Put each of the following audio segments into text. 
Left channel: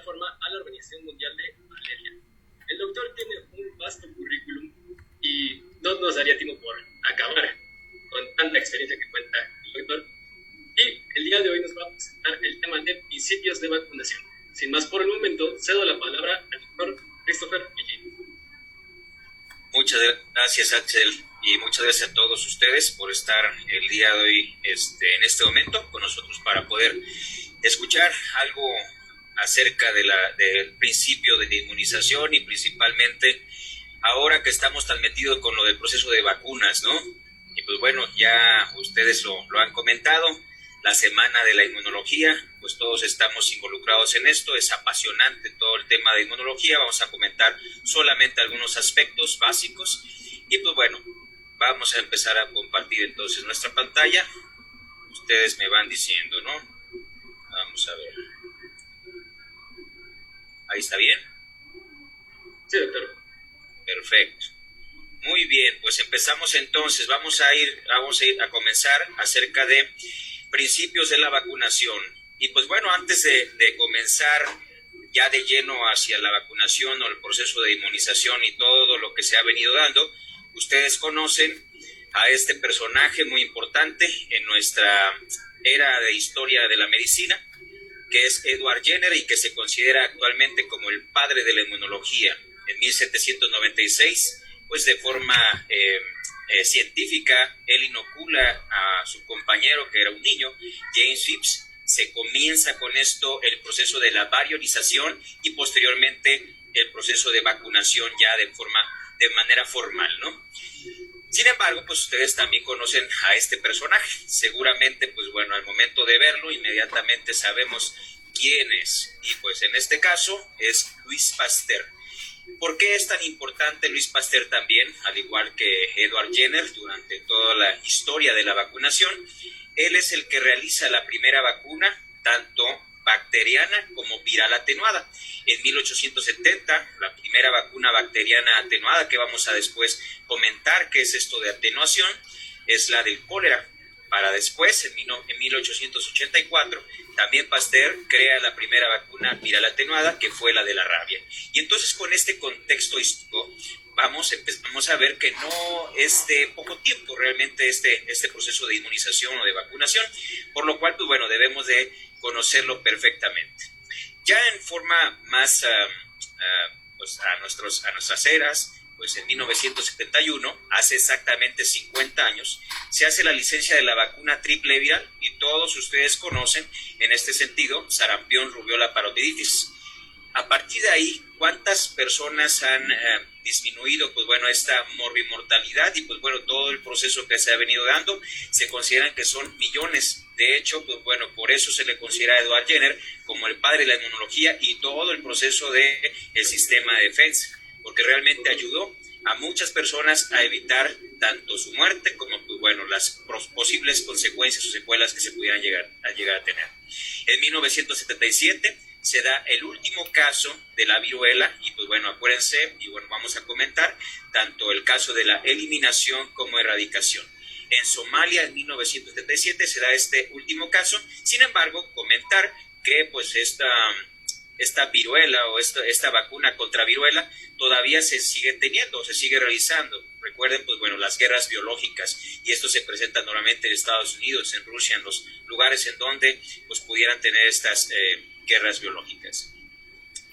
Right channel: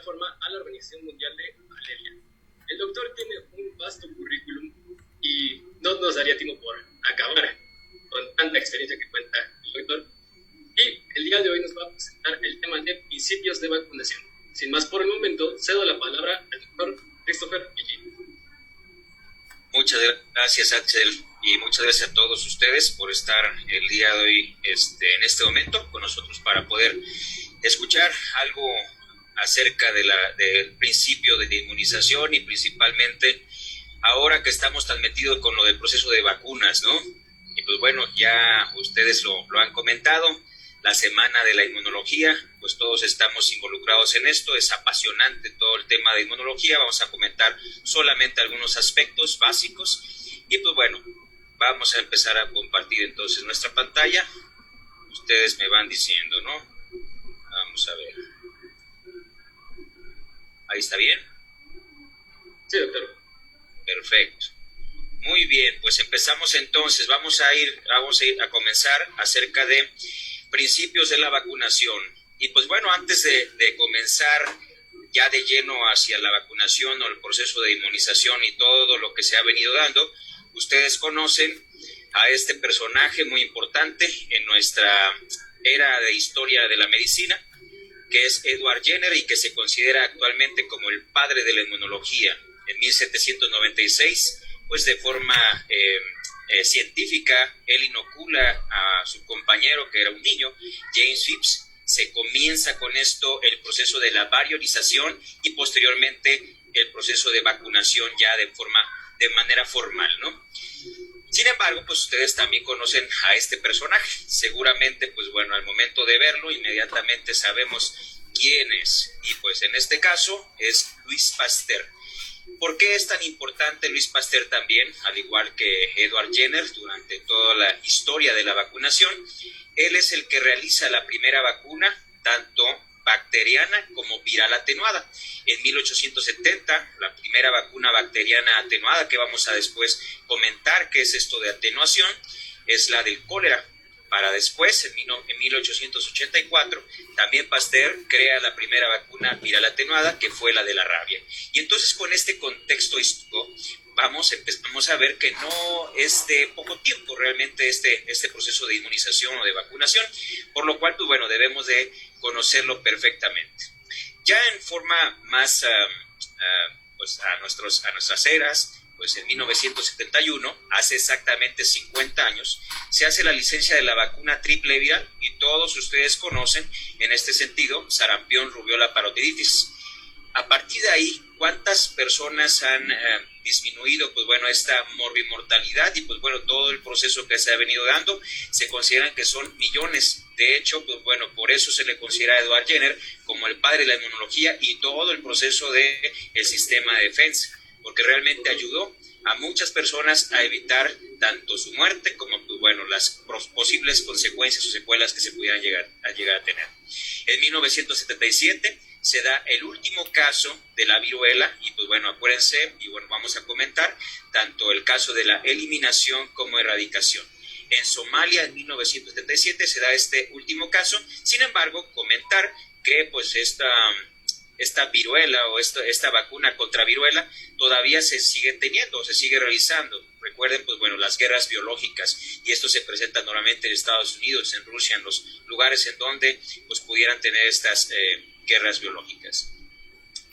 igual forma a la Organización Mundial de Malaria. El doctor tiene un vasto currículum y no nos daría tiempo por acabar con tanta experiencia que cuenta el doctor. Y el día de hoy nos va a presentar el tema de principios de vacunación. Sin más por el momento, cedo la palabra al doctor Christopher Villín. Muchas gracias, Axel, y muchas gracias a todos ustedes por estar el día de hoy en este momento con nosotros para poder escuchar algo acerca del principio de la inmunización y principalmente ahora que estamos tan metidos con lo del proceso de vacunas, ¿no? Y pues bueno, ya ustedes lo han comentado, la semana de la inmunología, pues todos estamos involucrados en esto, es apasionante todo el tema de inmunología, vamos a comentar solamente algunos aspectos básicos y pues bueno, vamos a empezar a compartir entonces nuestra pantalla, ustedes me van diciendo, ¿no? Vamos a ver, ¿ahí está bien? Sí, doctor. Perfecto. Muy bien, pues empezamos entonces, vamos a ir a comenzar acerca de principios de la vacunación. Y pues bueno, antes de comenzar ya de lleno hacia la vacunación o el proceso de inmunización y todo lo que se ha venido dando, ustedes conocen a este personaje muy importante en nuestra era de historia de la medicina, que es Edward Jenner y que se considera actualmente como el padre de la inmunología. En 1796, pues de forma científica, él inocula a su compañero, que era un niño, James Phipps. Se comienza con esto el proceso de la variolización y posteriormente el proceso de vacunación ya de manera formal, ¿no? Sin embargo, pues ustedes también conocen a este personaje. Seguramente, pues bueno, al momento de verlo, inmediatamente sabemos quién es. Y pues en este caso es Louis Pasteur. ¿Por qué es tan importante Louis Pasteur también, al igual que Edward Jenner, durante toda la historia de la vacunación? Él es el que realiza la primera vacuna, tanto bacteriana como viral atenuada. En 1870, la primera vacuna bacteriana atenuada, que vamos a después comentar qué es esto de atenuación, es la del cólera. Para después, en 1884, también Pasteur crea la primera vacuna viral atenuada, que fue la de la rabia. Y entonces, con este contexto histórico, empezamos a ver que no es de poco tiempo realmente este proceso de inmunización o de vacunación, por lo cual, pues bueno, debemos de conocerlo perfectamente. Ya en forma más pues a nuestras eras, pues en 1971, hace exactamente 50 años, se hace la licencia de la vacuna triple viral y todos ustedes conocen en este sentido sarampión, rubiola, parotiditis. A partir de ahí, ¿cuántas personas han disminuido, pues bueno, esta morbimortalidad y pues bueno, todo el proceso que se ha venido dando? Se consideran que son millones. De hecho, pues bueno, por eso se le considera a Edward Jenner como el padre de la inmunología y todo el proceso del sistema de defensa, porque realmente ayudó a muchas personas a evitar tanto su muerte como, pues bueno, las posibles consecuencias o secuelas que se pudieran llegar a tener. En 1977 se da el último caso de la viruela y pues bueno, acuérdense, y bueno, vamos a comentar tanto el caso de la eliminación como erradicación. En Somalia, en 1977, se da este último caso. Sin embargo, comentar que pues esta viruela o esta vacuna contra viruela todavía se sigue teniendo, se sigue realizando. Recuerden, pues bueno, las guerras biológicas, y esto se presenta normalmente en Estados Unidos, en Rusia, en los lugares en donde pues pudieran tener estas guerras biológicas.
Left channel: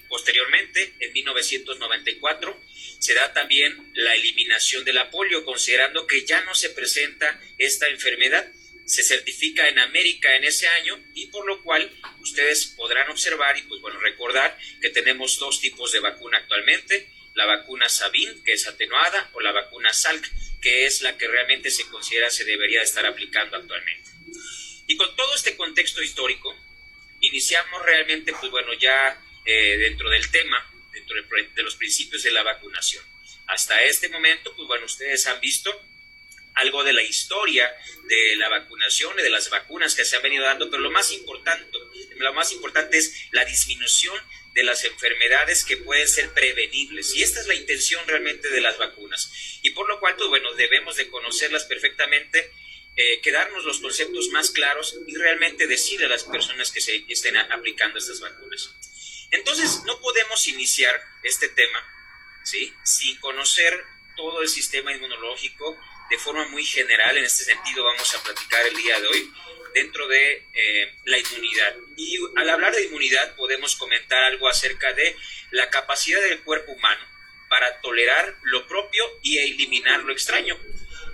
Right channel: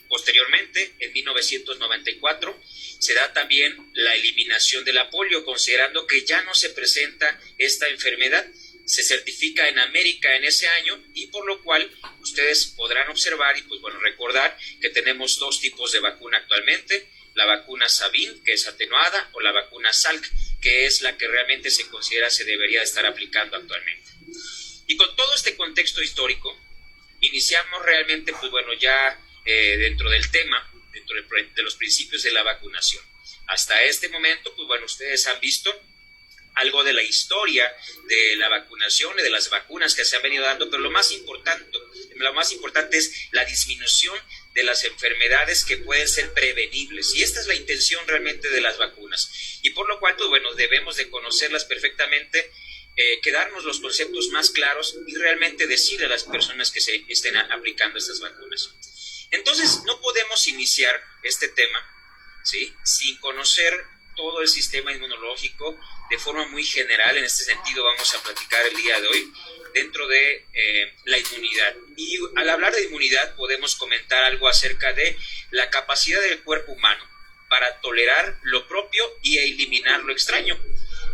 Posteriormente, en 1994, se da también la eliminación de la polio, considerando que ya no se presenta esta enfermedad. Se certifica en América en ese año y por lo cual ustedes podrán observar y pues bueno, recordar que tenemos dos tipos de vacuna actualmente, la vacuna Sabin, que es atenuada, o la vacuna Salk, que es la que realmente se considera se debería estar aplicando actualmente. Y con todo este contexto histórico, iniciamos realmente, pues bueno, ya dentro del tema, dentro de los principios de la vacunación. Hasta este momento, pues bueno, ustedes han visto algo de la historia de la vacunación y de las vacunas que se han venido dando, pero lo más importante es la disminución de las enfermedades que pueden ser prevenibles, y esta es la intención realmente de las vacunas, y por lo cual, pues bueno, debemos de conocerlas perfectamente, quedarnos los conceptos más claros y realmente decirle a las personas que se estén aplicando estas vacunas. Entonces, no podemos iniciar este tema, ¿sí?, sin conocer todo el sistema inmunológico de forma muy general. En este sentido vamos a platicar el día de hoy dentro de la inmunidad. Y al hablar de inmunidad podemos comentar algo acerca de la capacidad del cuerpo humano para tolerar lo propio y eliminar lo extraño.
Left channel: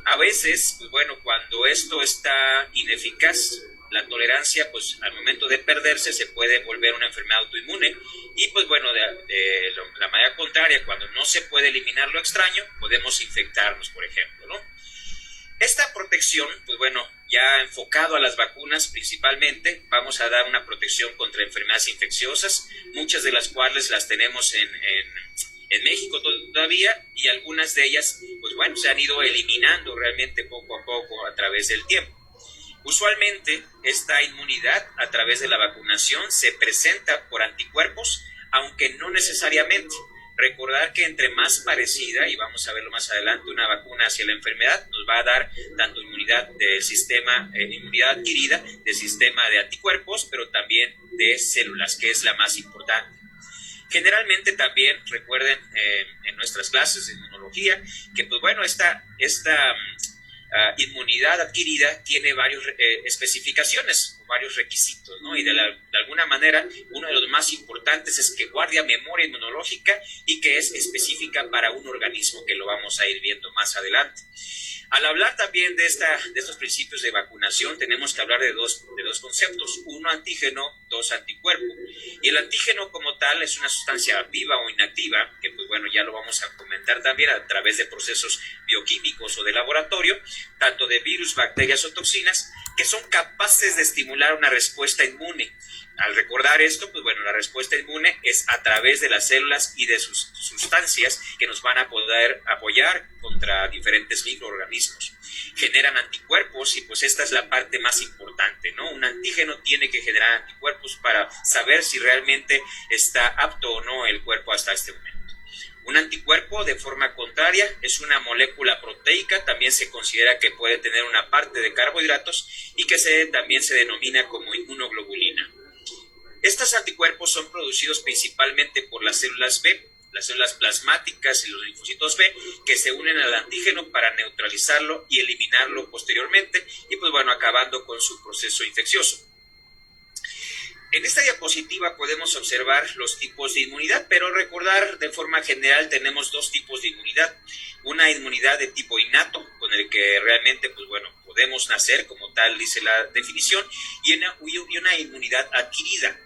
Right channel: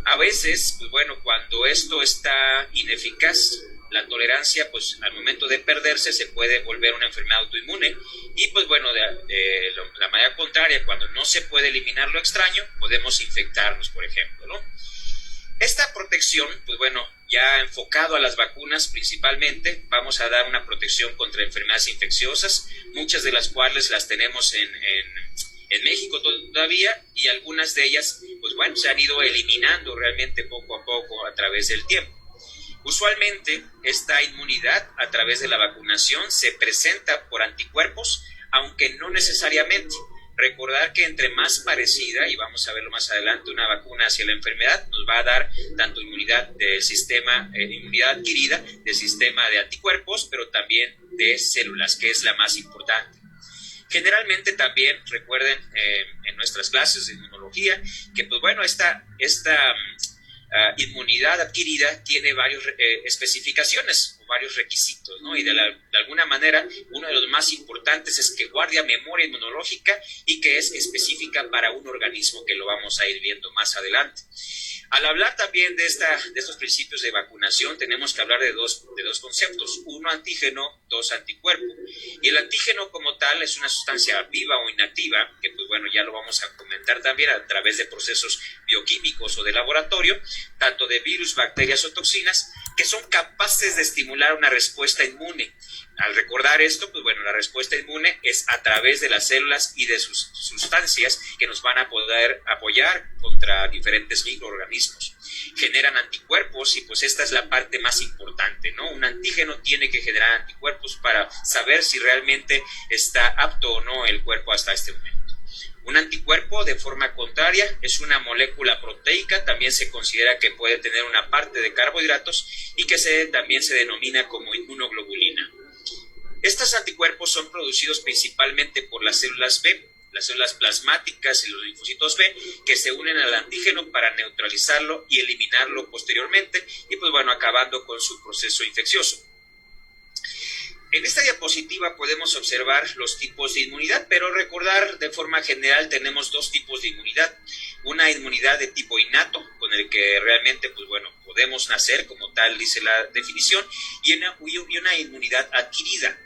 A veces, pues bueno, cuando esto está ineficaz, la tolerancia, pues al momento de perderse se puede volver una enfermedad autoinmune. Y pues bueno, de la manera contraria, cuando no se puede eliminar lo extraño, podemos infectarnos, por ejemplo, ¿no? Esta protección, pues bueno, ya enfocado a las vacunas principalmente, vamos a dar una protección contra enfermedades infecciosas, muchas de las cuales las tenemos en México todavía, y algunas de ellas, pues bueno, se han ido eliminando realmente poco a poco a través del tiempo. Usualmente esta inmunidad a través de la vacunación se presenta por anticuerpos, aunque no necesariamente. Recordar que entre más parecida, y vamos a verlo más adelante, una vacuna hacia la enfermedad nos va a dar tanto inmunidad del sistema, inmunidad adquirida del sistema de anticuerpos, pero también de células, que es la más importante. Generalmente también recuerden en nuestras clases de inmunología que pues bueno, esta inmunidad adquirida tiene varias especificaciones o varios requisitos, ¿no? Y de alguna manera uno de los más importantes es que guarda memoria inmunológica y que es específica para un organismo, que lo vamos a ir viendo más adelante. Al hablar también de estos principios de vacunación, tenemos que hablar de dos conceptos: uno, antígeno; dos, anticuerpo. Y el antígeno como tal es una sustancia viva o inactiva, que pues bueno, ya lo vamos a comentar también a través de procesos bioquímicos o de laboratorio, tanto de virus, bacterias o toxinas, que son capaces de estimular una respuesta inmune. Al recordar esto, pues bueno, la respuesta inmune es a través de las células y de sus sustancias que nos van a poder apoyar contra diferentes microorganismos. Generan anticuerpos y pues esta es la parte más importante, ¿no? Un antígeno tiene que generar anticuerpos para saber si realmente está apto o no el cuerpo hasta este momento. Un anticuerpo, de forma contraria, es una molécula proteica, también se considera que puede tener una parte de carbohidratos y que también se denomina como inmunoglobulina. Estos anticuerpos son producidos principalmente por las células B, las células plasmáticas y los linfocitos B, que se unen al antígeno para neutralizarlo y eliminarlo posteriormente, y pues bueno, acabando con su proceso infeccioso. En esta diapositiva podemos observar los tipos de inmunidad, pero recordar de forma general tenemos dos tipos de inmunidad. Una inmunidad de tipo innato, con el que realmente pues bueno, podemos nacer, como tal dice la definición, y una inmunidad adquirida.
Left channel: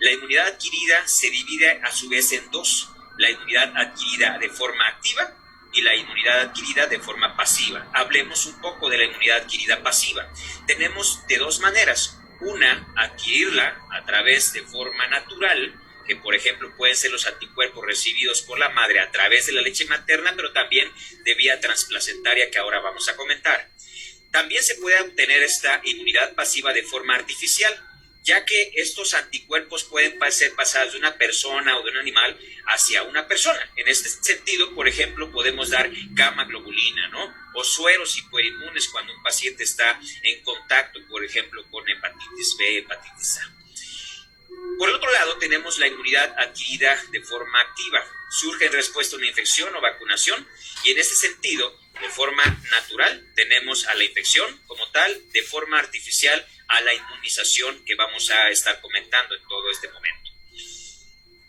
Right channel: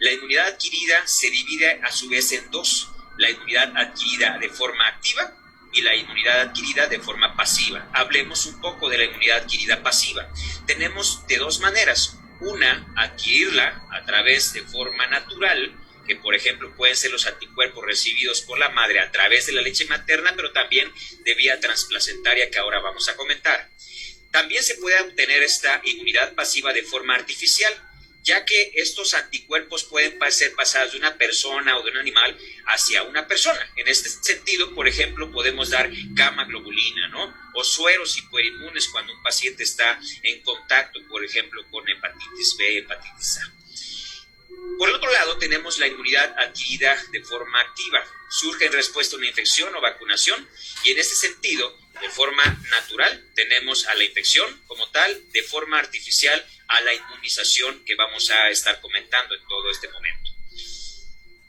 La inmunidad adquirida se divide a su vez en dos: la inmunidad adquirida de forma activa y la inmunidad adquirida de forma pasiva. Hablemos un poco de la inmunidad adquirida pasiva. Tenemos de dos maneras: una, adquirirla a través de forma natural, que por ejemplo pueden ser los anticuerpos recibidos por la madre a través de la leche materna, pero también de vía transplacentaria, que ahora vamos a comentar. También se puede obtener esta inmunidad pasiva de forma artificial, ya que estos anticuerpos pueden ser pasados de una persona o de un animal hacia una persona. En este sentido, por ejemplo, podemos dar gamma globulina, ¿no? O sueros hiperinmunes cuando un paciente está en contacto, por ejemplo, con hepatitis B, hepatitis A. Por el otro lado, tenemos la inmunidad adquirida de forma activa. Surge en respuesta a una infección o vacunación, y en este sentido, de forma natural, tenemos a la infección como tal; de forma artificial, a la inmunización, que vamos a estar comentando en todo este momento.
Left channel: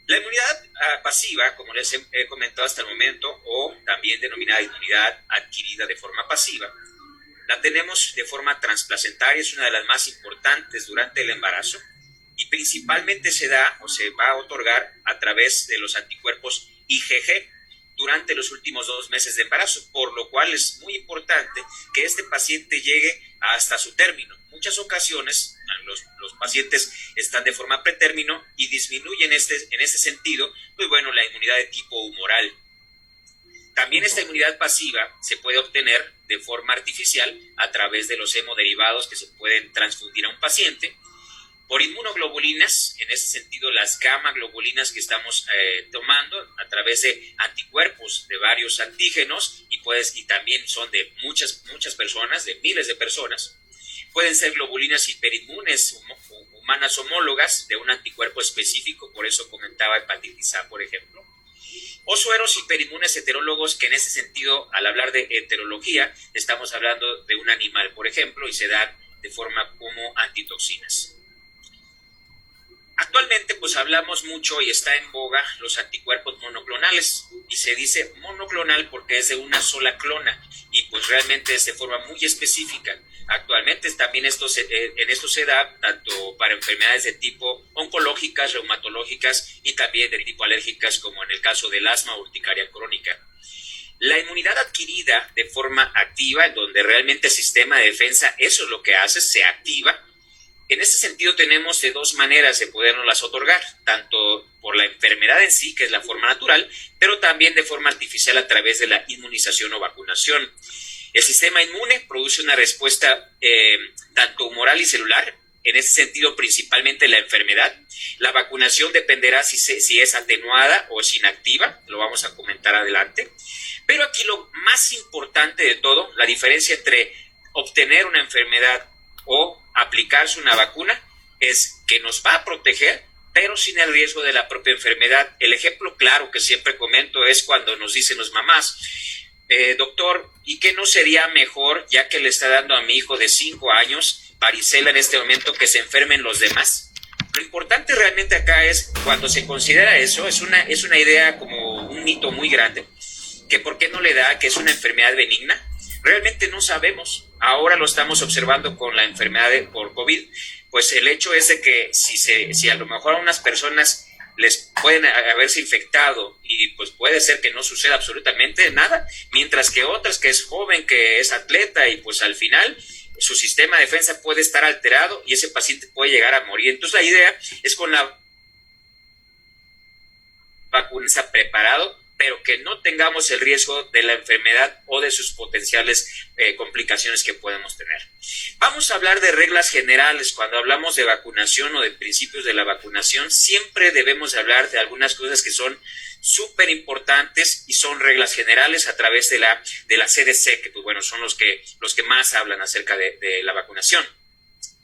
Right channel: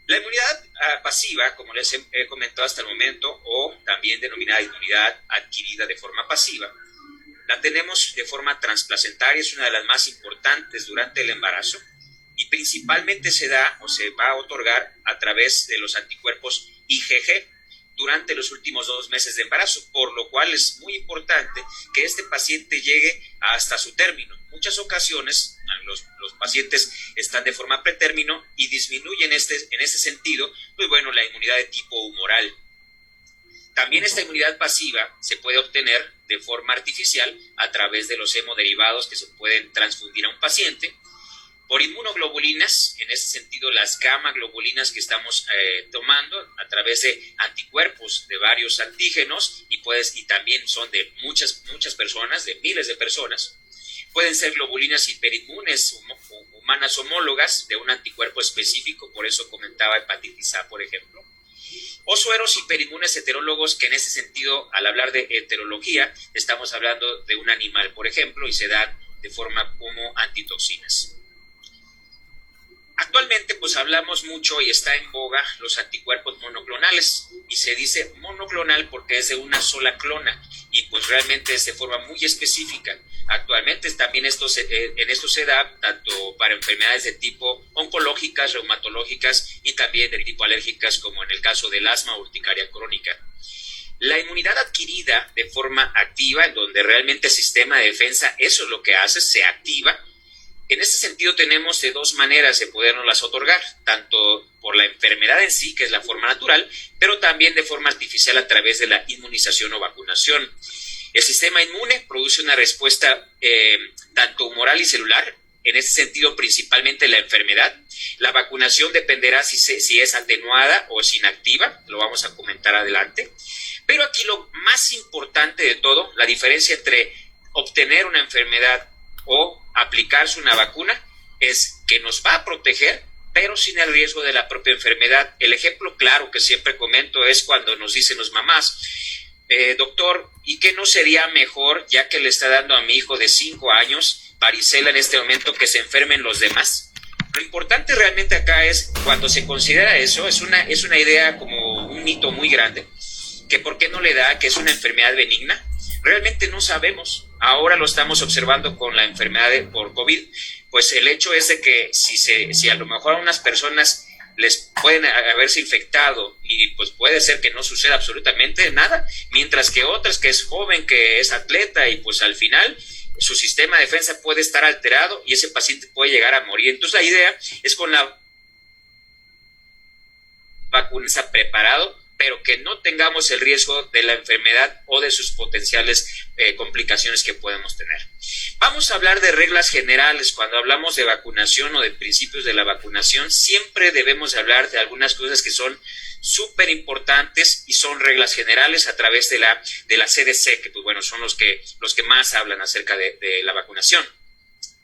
La inmunidad pasiva, como les he comentado hasta el momento, o también denominada inmunidad adquirida de forma pasiva, la tenemos de forma transplacentaria, es una de las más importantes durante el embarazo, y principalmente se da o se va a otorgar a través de los anticuerpos IgG durante los últimos 2 meses de embarazo, por lo cual es muy importante que este paciente llegue hasta su término. Muchas ocasiones los pacientes están de forma pretérmino y disminuyen en ese sentido, pues bueno, la inmunidad de tipo humoral. También esta inmunidad pasiva se puede obtener de forma artificial a través de los hemoderivados que se pueden transfundir a un paciente. por inmunoglobulinas, en ese sentido las gamma globulinas que estamos tomando a través de anticuerpos de varios antígenos y también son de muchas personas, de miles de personas. Pueden ser globulinas hiperinmunes humanas homólogas de un anticuerpo específico, por eso comentaba hepatitis A, por ejemplo. O sueros hiperinmunes heterólogos, que en ese sentido, al hablar de heterología, estamos hablando de un animal, por ejemplo, y se dan de forma como antitoxinas. Actualmente pues hablamos mucho y está en boga los anticuerpos monoclonales, y se dice monoclonal porque es de una sola clona y pues realmente es de forma muy específica. Actualmente también en esto se da tanto para enfermedades de tipo oncológicas, reumatológicas y también de tipo alérgicas, como en el caso del asma o urticaria crónica. La inmunidad adquirida de forma activa, en donde realmente el sistema de defensa, eso es lo que hace, se activa. En este sentido tenemos de dos maneras de podernoslas otorgar, tanto por la enfermedad en sí, que es la forma natural, pero también de forma artificial a través de la inmunización o vacunación. El sistema inmune produce una respuesta tanto humoral y celular, en ese sentido principalmente la enfermedad. La vacunación dependerá si es atenuada o es inactiva, lo vamos a comentar adelante. Pero aquí lo más importante de todo, la diferencia entre obtener una enfermedad o aplicarse una vacuna, es que nos va a proteger, pero sin el riesgo de la propia enfermedad. El ejemplo claro que siempre comento es cuando nos dicen los mamás, doctor, ¿y qué no sería mejor, ya que le está dando a mi hijo de 5 años varicela en este momento, que se enfermen los demás? Lo importante realmente acá es, cuando se considera eso, es una idea como un mito muy grande, que por qué no le da, que es una enfermedad benigna. Realmente no sabemos. Ahora lo estamos observando con la enfermedad por COVID. Pues el hecho es de que si a lo mejor a unas personas les pueden haberse infectado y pues puede ser que no suceda absolutamente nada, mientras que otras, que es joven, que es atleta, y pues al final su sistema de defensa puede estar alterado y ese paciente puede llegar a morir. Entonces la idea es con la vacuna está preparado, pero que no tengamos el riesgo de la enfermedad o de sus potenciales complicaciones que podemos tener. Vamos a hablar de reglas generales. Cuando hablamos de vacunación o de principios de la vacunación, siempre debemos hablar de algunas cosas que son súper importantes y son reglas generales a través de la CDC, que pues bueno, son los que más hablan acerca de la vacunación.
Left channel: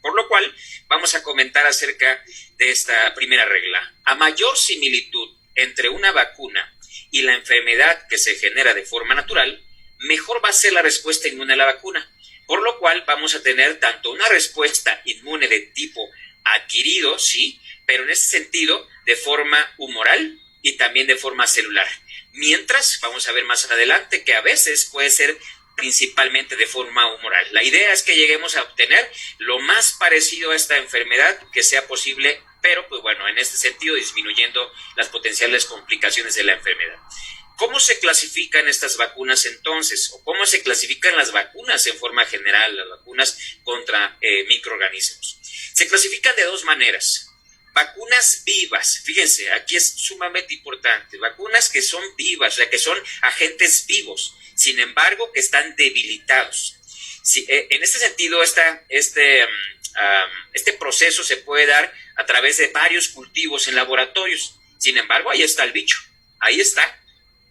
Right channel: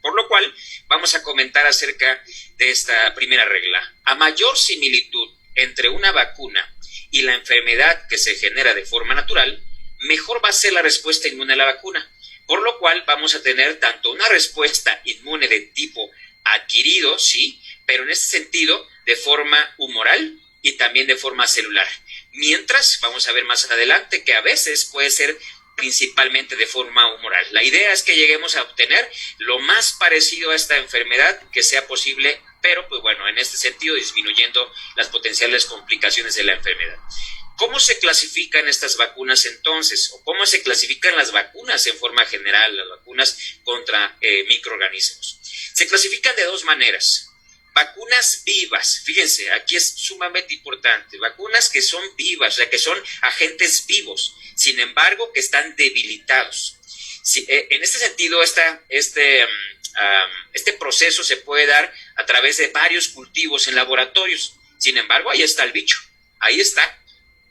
Por lo cual, vamos a comentar acerca de esta primera regla. A mayor similitud entre una vacuna y la enfermedad que se genera de forma natural, mejor va a ser la respuesta inmune a la vacuna. Por lo cual vamos a tener tanto una respuesta inmune de tipo adquirido, sí, pero en ese sentido de forma humoral y también de forma celular. Mientras, vamos a ver más adelante que a veces puede ser principalmente de forma humoral. La idea es que lleguemos a obtener lo más parecido a esta enfermedad que sea posible, pero pues bueno, en este sentido disminuyendo las potenciales complicaciones de la enfermedad. ¿Cómo se clasifican estas vacunas entonces? ¿O cómo se clasifican las vacunas en forma general, las vacunas contra microorganismos? Se clasifican de dos maneras. Vacunas vivas, fíjense, aquí es sumamente importante, vacunas que son vivas, o sea, que son agentes vivos, sin embargo, que están debilitados. En este sentido, este proceso se puede dar a través de varios cultivos en laboratorios. Sin embargo, ahí está el bicho, ahí está.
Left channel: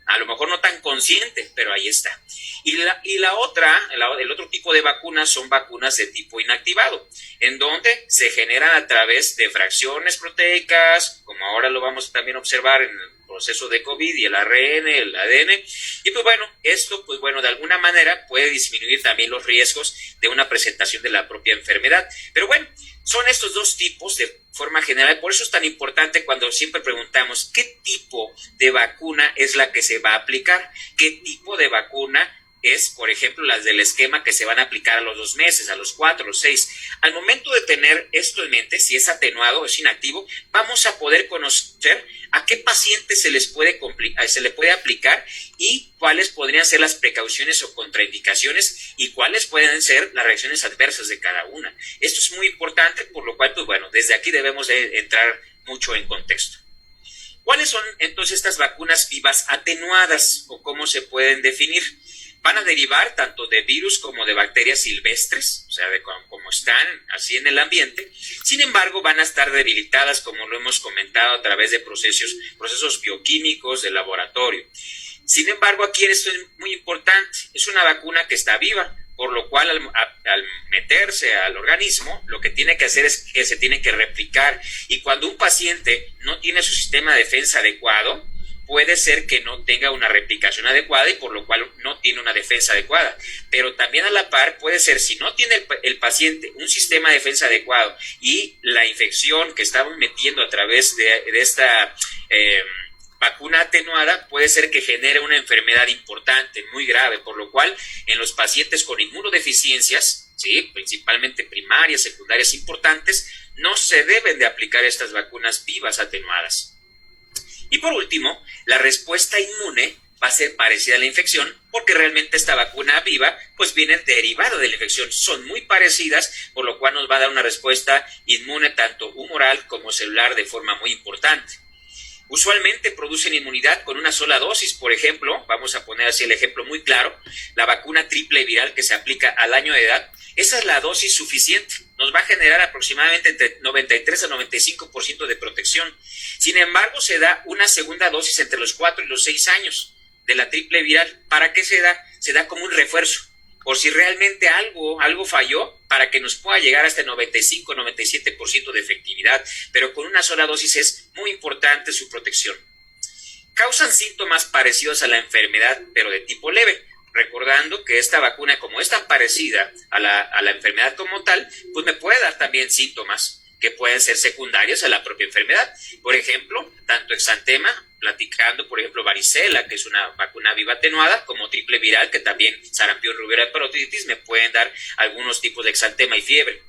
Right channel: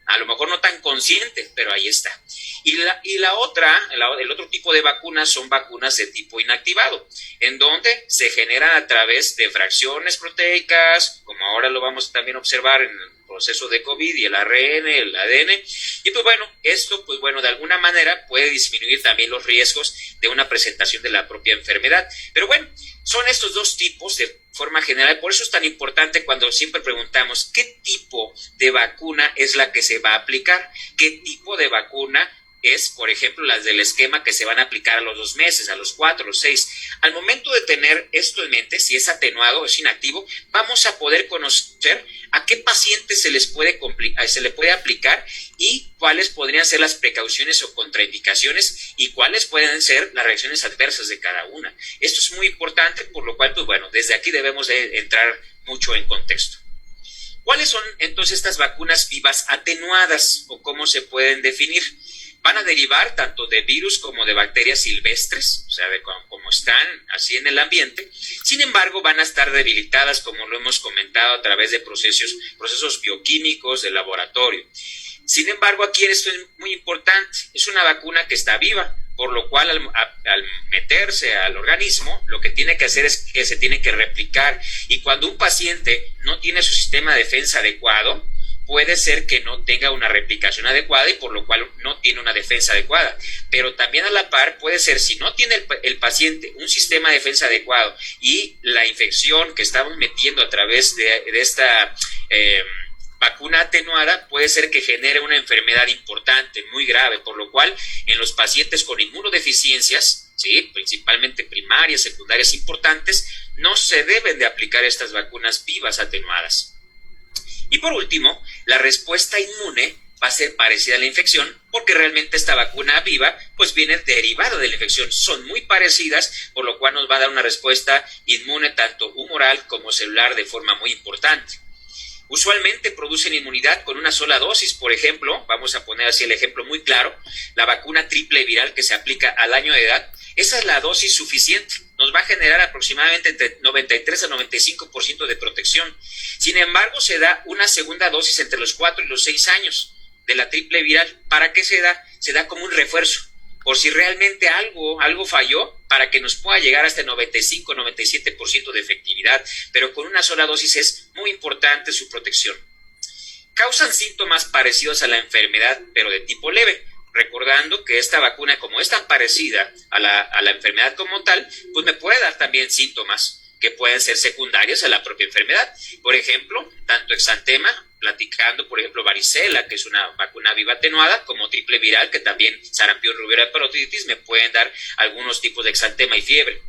A lo mejor no tan consciente, pero ahí está. El otro tipo de vacunas son vacunas de tipo inactivado, en donde se generan a través de fracciones proteicas, como ahora lo vamos a también observar en el proceso de COVID y el ARN, el ADN. Y pues bueno, esto pues bueno, de alguna manera puede disminuir también los riesgos de una presentación de la propia enfermedad. Pero bueno, son estos dos tipos de forma general. Por eso es tan importante cuando siempre preguntamos qué tipo de vacuna es la que se va a aplicar, qué tipo de vacuna es, por ejemplo, las del esquema que se van a aplicar a los 2 meses, a los 4, a los 6. Al momento de tener esto en mente, si es atenuado o es inactivo, vamos a poder conocer a qué pacientes se le puede aplicar y cuáles podrían ser las precauciones o contraindicaciones y cuáles pueden ser las reacciones adversas de cada una. Esto es muy importante, por lo cual, pues bueno, desde aquí debemos de entrar mucho en contexto. ¿Cuáles son entonces estas vacunas vivas atenuadas o cómo se pueden definir? Van a derivar tanto de virus como de bacterias silvestres, o sea, de como están así en el ambiente. Sin embargo, van a estar debilitadas, como lo hemos comentado, a través de procesos bioquímicos del laboratorio. Sin embargo, aquí esto es muy importante, es una vacuna que está viva, por lo cual al meterse al organismo, lo que tiene que hacer es que se tiene que replicar, y cuando un paciente no tiene su sistema de defensa adecuado, puede ser que no tenga una replicación adecuada y por lo cual no tiene una defensa adecuada. Pero también a la par puede ser, si no tiene el paciente un sistema de defensa adecuado y la infección que estamos metiendo a través de esta vacuna atenuada, puede ser que genere una enfermedad importante, muy grave, por lo cual en los pacientes con inmunodeficiencias, ¿sí?, principalmente primarias, secundarias importantes, no se deben de aplicar estas vacunas vivas atenuadas. Y por último, la respuesta inmune va a ser parecida a la infección, porque realmente esta vacuna viva pues viene derivada de la infección, son muy parecidas, por lo cual nos va a dar una respuesta inmune tanto humoral como celular de forma muy importante. Usualmente producen inmunidad con una sola dosis, por ejemplo, vamos a poner así el ejemplo muy claro, la vacuna triple viral que se aplica al año de edad, esa es la dosis suficiente, nos va a generar aproximadamente entre 93 a 95% de protección. Sin embargo, se da una segunda dosis entre los 4 y los 6 años de la triple viral. ¿Para qué se da? Se da como un refuerzo, por si realmente algo falló, para que nos pueda llegar hasta el 95-97% de efectividad, pero con una sola dosis es muy importante su protección. Causan síntomas parecidos a la enfermedad, pero de tipo leve, recordando que esta vacuna, como es tan parecida a la enfermedad como tal, pues me puede dar también síntomas que pueden ser secundarios a la propia enfermedad. Por ejemplo, tanto exantema, platicando, por ejemplo, varicela, que es una vacuna viva atenuada, como triple viral, que también sarampión, rubiola, parotiditis, me pueden dar algunos tipos de exantema y fiebre.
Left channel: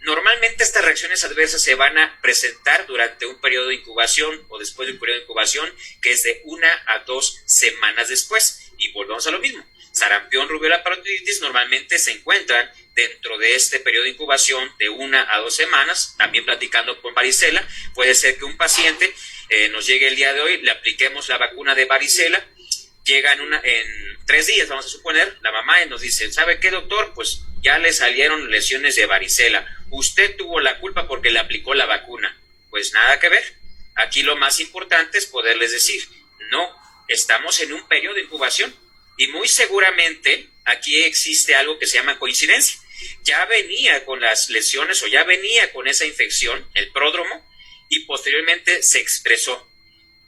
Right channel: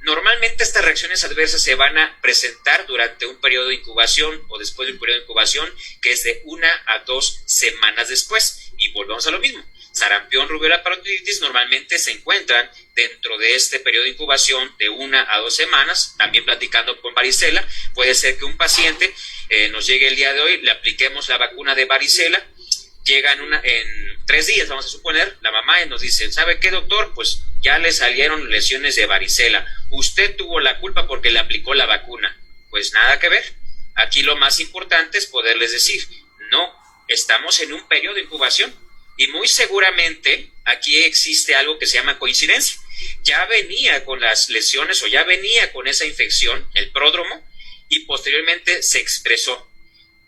Normalmente estas reacciones adversas se van a presentar durante un periodo de incubación o después de un periodo de incubación que es de 1 a 2 semanas después. Y volvemos a lo mismo. Sarampión, rubiola, parotiditis normalmente se encuentran dentro de este periodo de incubación de 1 a 2 semanas. También platicando con varicela, puede ser que un paciente nos llegue el día de hoy, le apliquemos la vacuna de varicela, llega en 3 días, vamos a suponer, la mamá y nos dice, ¿sabe qué, doctor? Pues ya le salieron lesiones de varicela. Usted tuvo la culpa porque le aplicó la vacuna. Pues nada que ver. Aquí lo más importante es poderles decir, no, estamos en un periodo de incubación y muy seguramente aquí existe algo que se llama coincidencia. Ya venía con las lesiones o ya venía con esa infección, el pródromo, y posteriormente se expresó.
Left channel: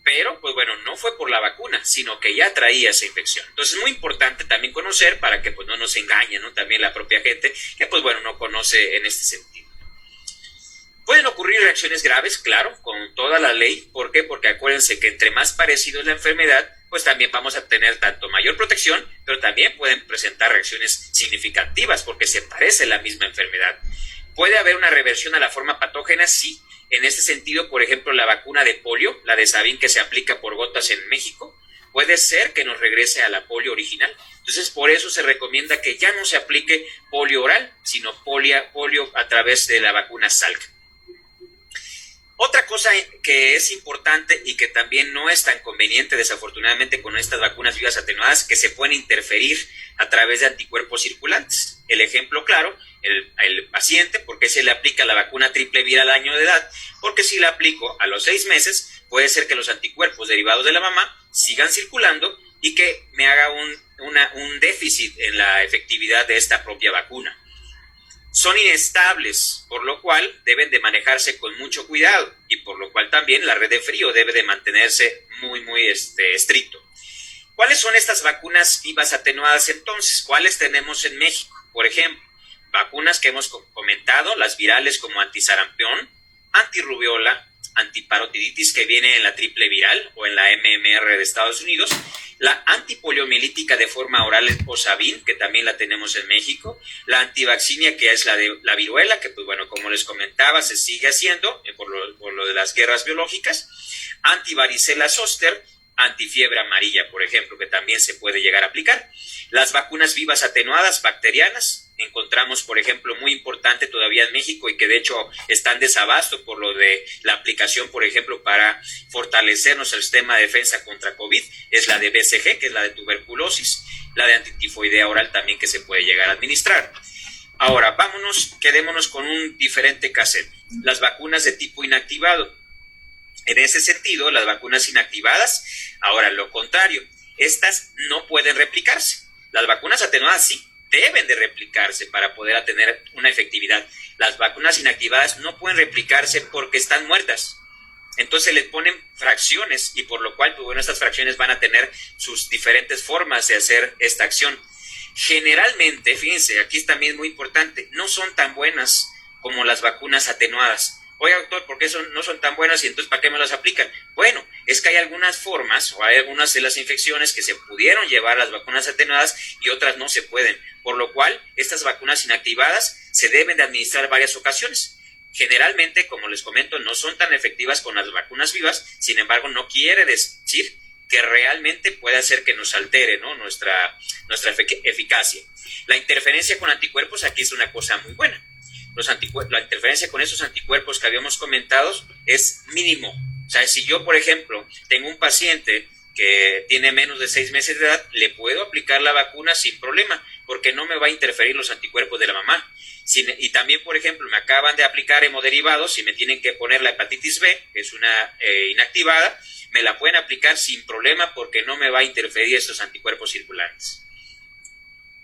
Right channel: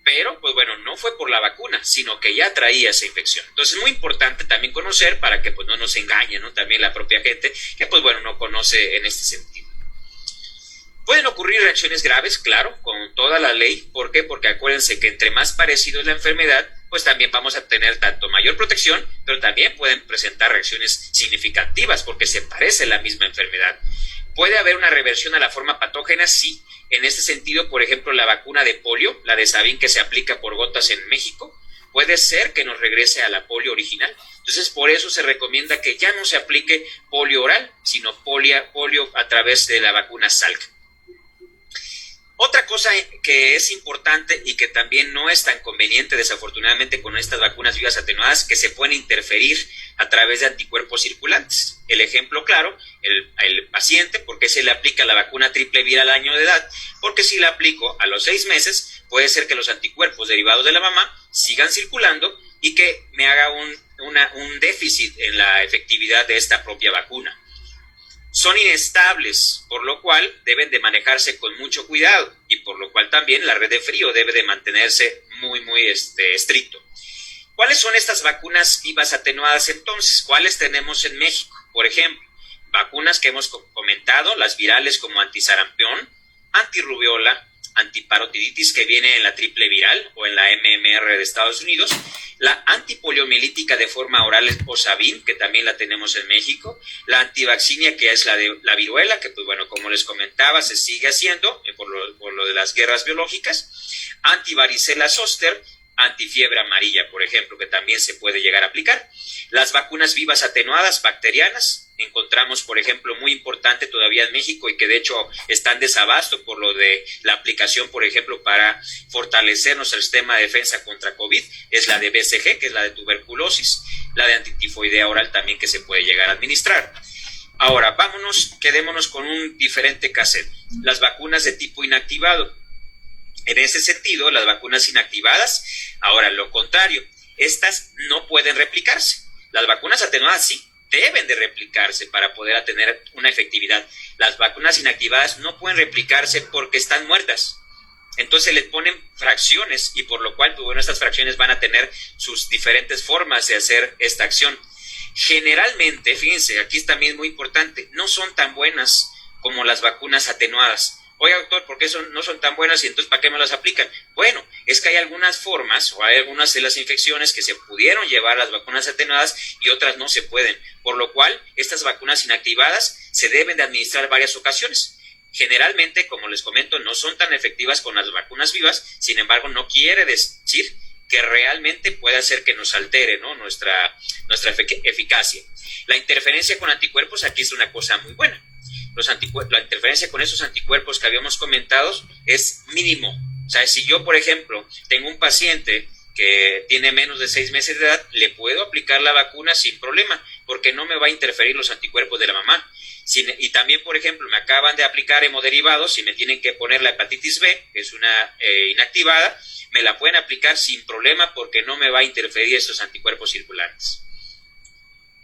Pero, pues bueno, no fue por la vacuna, sino que ya traía esa infección. Entonces es muy importante también conocer para que pues no nos engañen, ¿no? También la propia gente que pues bueno, no conoce en este sentido. Pueden ocurrir reacciones graves, claro, con toda la ley. ¿Por qué? Porque acuérdense que entre más parecido es la enfermedad, pues también vamos a tener tanto mayor protección, pero también pueden presentar reacciones significativas porque se parece la misma enfermedad. ¿Puede haber una reversión a la forma patógena? Sí. En este sentido, por ejemplo, la vacuna de polio, la de Sabin que se aplica por gotas en México, puede ser que nos regrese a la polio original. Entonces, por eso se recomienda que ya no se aplique polio oral, sino polio a través de la vacuna Salk. Otra cosa que es importante y que también no es tan conveniente, desafortunadamente, con estas vacunas vivas atenuadas, que se pueden interferir a través de anticuerpos circulantes. El ejemplo claro, el paciente, ¿por qué se le aplica la vacuna triple viral al año de edad? Porque si la aplico a los 6 meses, puede ser que los anticuerpos derivados de la mamá sigan circulando y que me haga un déficit en la efectividad de esta propia vacuna. Son inestables, por lo cual deben de manejarse con mucho cuidado y por lo cual también la red de frío debe de mantenerse muy estricto. ¿Cuáles son estas vacunas vivas atenuadas entonces? ¿Cuáles tenemos en México? Por ejemplo, vacunas que hemos comentado, las virales como antisarampión, antirrubiola, antiparotiditis que viene en la triple viral o en la MMR de Estados Unidos, la antipoliomielítica de forma oral o Sabin, que también la tenemos en México, la antivaccinia que es la viruela, que pues bueno, como les comentaba, se sigue haciendo por lo de las guerras biológicas, antivaricela zoster antifiebre amarilla, por ejemplo, que también se puede llegar a aplicar. Las vacunas vivas atenuadas bacterianas, encontramos, por ejemplo, muy importante todavía en México y que de hecho está en desabasto por lo de la aplicación, por ejemplo, para fortalecer nuestro sistema de defensa contra COVID, es la de BCG, que es la de tuberculosis, la de antitifoidea oral también que se puede llegar a administrar. Ahora, quedémonos con un diferente cassette, las vacunas de tipo inactivado. En ese sentido, las vacunas inactivadas, ahora lo contrario, estas no pueden replicarse. Las vacunas atenuadas sí deben de replicarse para poder tener una efectividad. Las vacunas inactivadas no pueden replicarse porque están muertas. Entonces les ponen fracciones y por lo cual, pues bueno, estas fracciones van a tener sus diferentes formas de hacer esta acción. Generalmente, fíjense, aquí también es muy importante, no son tan buenas como las vacunas atenuadas. Oiga, doctor, ¿por qué no son tan buenas y entonces para qué me las aplican? Bueno, es que hay algunas formas o hay algunas de las infecciones que se pudieron llevar las vacunas atenuadas y otras no se pueden, por lo cual estas vacunas inactivadas se deben de administrar varias ocasiones. Generalmente, como les comento, no son tan efectivas con las vacunas vivas, sin embargo, no quiere decir que realmente puede hacer que nos altere, ¿no?, nuestra eficacia. La interferencia con anticuerpos aquí es una cosa muy buena. La interferencia con esos anticuerpos que habíamos comentado es mínimo. O sea, si yo, por ejemplo, tengo un paciente que tiene menos de 6 meses de edad, le puedo aplicar la vacuna sin problema, porque no me va a interferir los anticuerpos de la mamá. Y también, por ejemplo, me acaban de aplicar hemoderivados y me tienen que poner la hepatitis B, que es una inactivada, me la pueden aplicar sin problema porque no me va a interferir estos anticuerpos circulantes.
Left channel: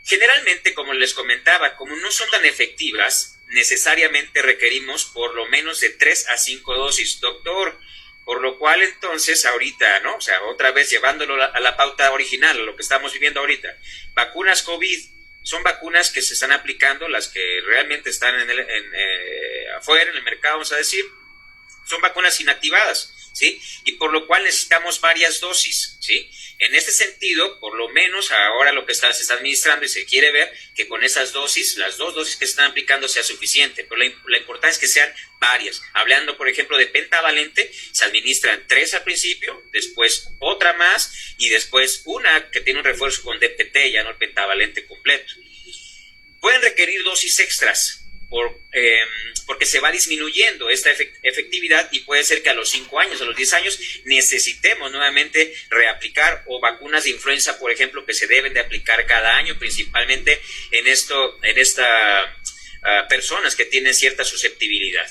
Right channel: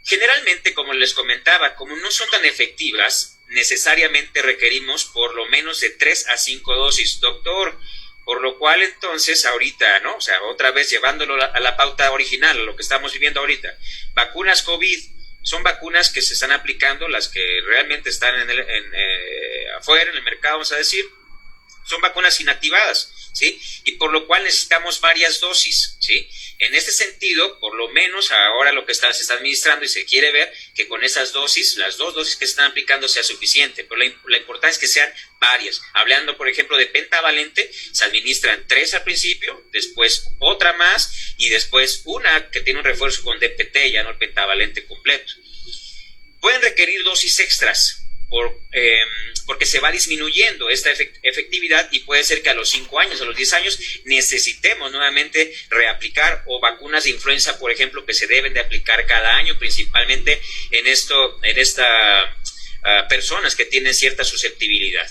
Generalmente, como les comentaba, como no son tan efectivas, necesariamente requerimos por lo menos de 3 a 5 dosis, doctor, por lo cual entonces ahorita, ¿no? O sea, otra vez llevándolo a la pauta original, a lo que estamos viviendo ahorita, vacunas COVID, son vacunas que se están aplicando, las que realmente están afuera, en el mercado, vamos a decir, son vacunas inactivadas, ¿sí? Y por lo cual necesitamos varias dosis, ¿sí? En este sentido, por lo menos ahora lo que se está administrando y se quiere ver que con esas dosis, las 2 dosis que se están aplicando sea suficiente, pero la importancia es que sean varias. Hablando, por ejemplo, de pentavalente, se administran 3 al principio, después otra más y después una que tiene un refuerzo con DPT, ya no el pentavalente completo. Pueden requerir dosis extras porque se va disminuyendo esta efectividad y puede ser que a los 5 años, a los 10 años, necesitemos nuevamente reaplicar o vacunas de influenza, por ejemplo, que se deben de aplicar cada año, principalmente en personas que tienen cierta susceptibilidad.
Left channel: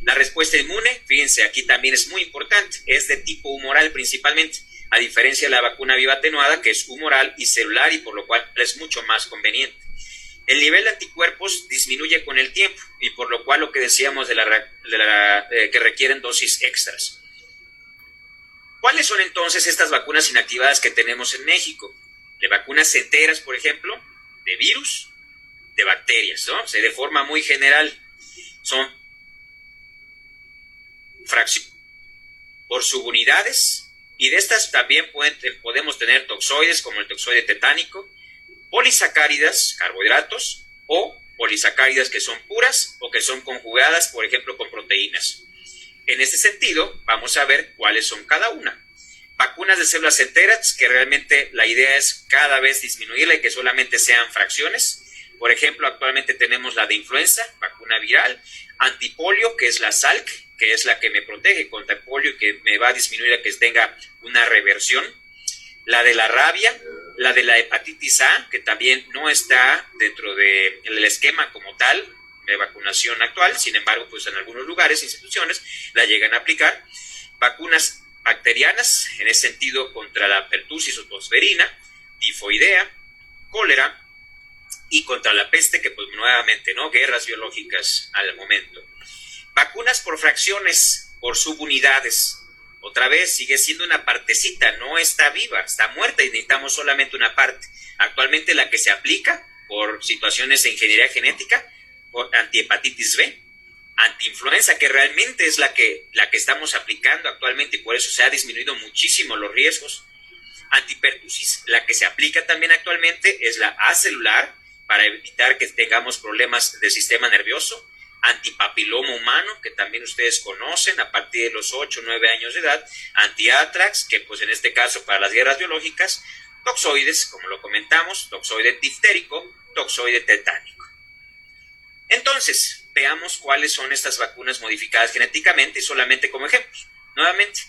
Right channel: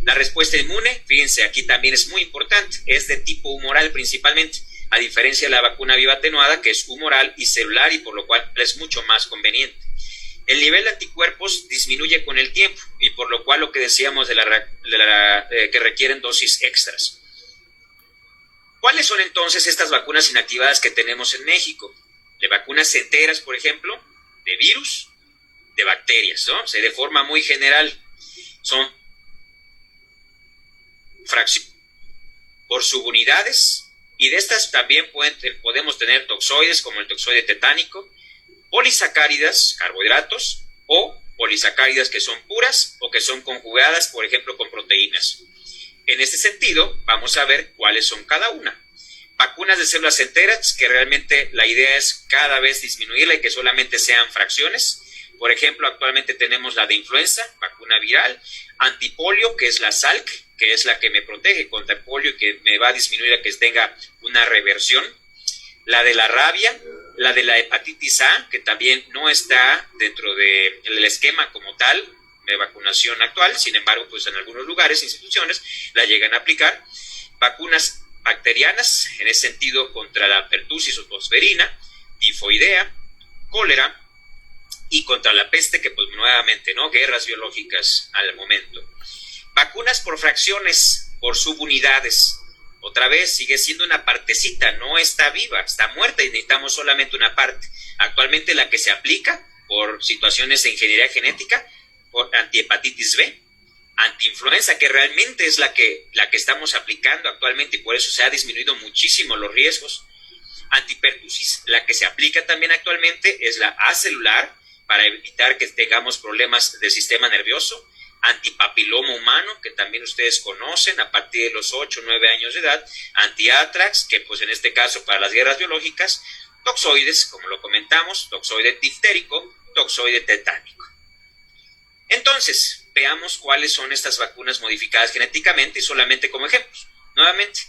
La respuesta inmune, fíjense, aquí también es muy importante, es de tipo humoral principalmente, a diferencia de la vacuna viva atenuada, que es humoral y celular y por lo cual es mucho más conveniente. El nivel de anticuerpos disminuye con el tiempo y por lo cual lo que decíamos que requieren dosis extras. ¿Cuáles son entonces estas vacunas inactivadas que tenemos en México? De vacunas enteras, por ejemplo, de virus, de bacterias, ¿no? O sea, de forma muy general son fracciones por subunidades y de estas también podemos tener toxoides como el toxoide tetánico, polisacáridas, carbohidratos, o polisacáridas que son puras o que son conjugadas, por ejemplo, con proteínas. En este sentido, vamos a ver cuáles son cada una. Vacunas de células enteras, que realmente la idea es cada vez disminuirla y que solamente sean fracciones. Por ejemplo, actualmente tenemos la de influenza, vacuna viral, antipolio, que es la SALC, que es la que me protege contra el polio y que me va a disminuir a que tenga una reversión. La de la rabia, la de la hepatitis A, que también no está dentro del esquema como tal de vacunación actual, sin embargo, pues en algunos lugares, instituciones, la llegan a aplicar. Vacunas bacterianas, en ese sentido, contra la pertussis o tosferina, tifoidea, cólera, y contra la peste, que pues nuevamente, ¿no? Guerras biológicas al momento. Vacunas por fracciones, por subunidades. Otra vez, sigue siendo una partecita, no está viva, está muerta y necesitamos solamente una parte. Actualmente la que se aplica por situaciones de ingeniería genética, por antihepatitis B, antiinfluenza, que realmente es la que estamos aplicando actualmente y por eso se ha disminuido muchísimo los riesgos. Antipertussis, la que se aplica también actualmente es la acelular, para evitar que tengamos problemas del sistema nervioso. antipapiloma humano, que también ustedes conocen a partir de los 8 o 9 años de edad, antiátrax, que pues en este caso para las guerras biológicas, toxoides, como lo comentamos, toxoide diftérico, toxoide tetánico. Entonces, veamos cuáles son estas vacunas modificadas genéticamente y solamente como ejemplos. Nuevamente,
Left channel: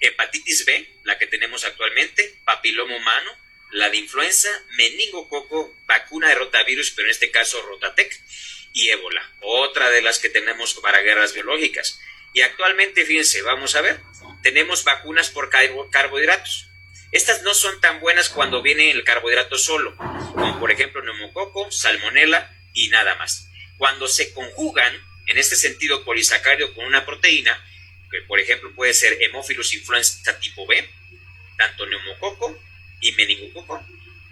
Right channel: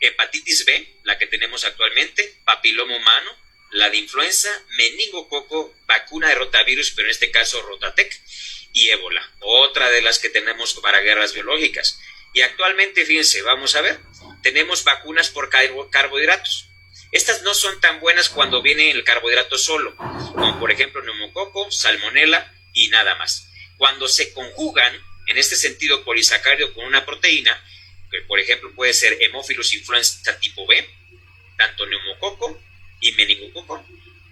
hepatitis B, la que tenemos actualmente, papiloma humano, la de influenza, meningococo, vacuna de rotavirus, pero en este caso Rotatec, y ébola, otra de las que tenemos para guerras biológicas. Y actualmente, fíjense, vamos a ver, tenemos vacunas por carbohidratos. Estas no son tan buenas cuando viene el carbohidrato solo, como por ejemplo neumococo, salmonela y nada más. Cuando se conjugan, en este sentido polisacárido con una proteína, que por ejemplo puede ser Haemophilus influenza tipo B, tanto neumococo y meningococo,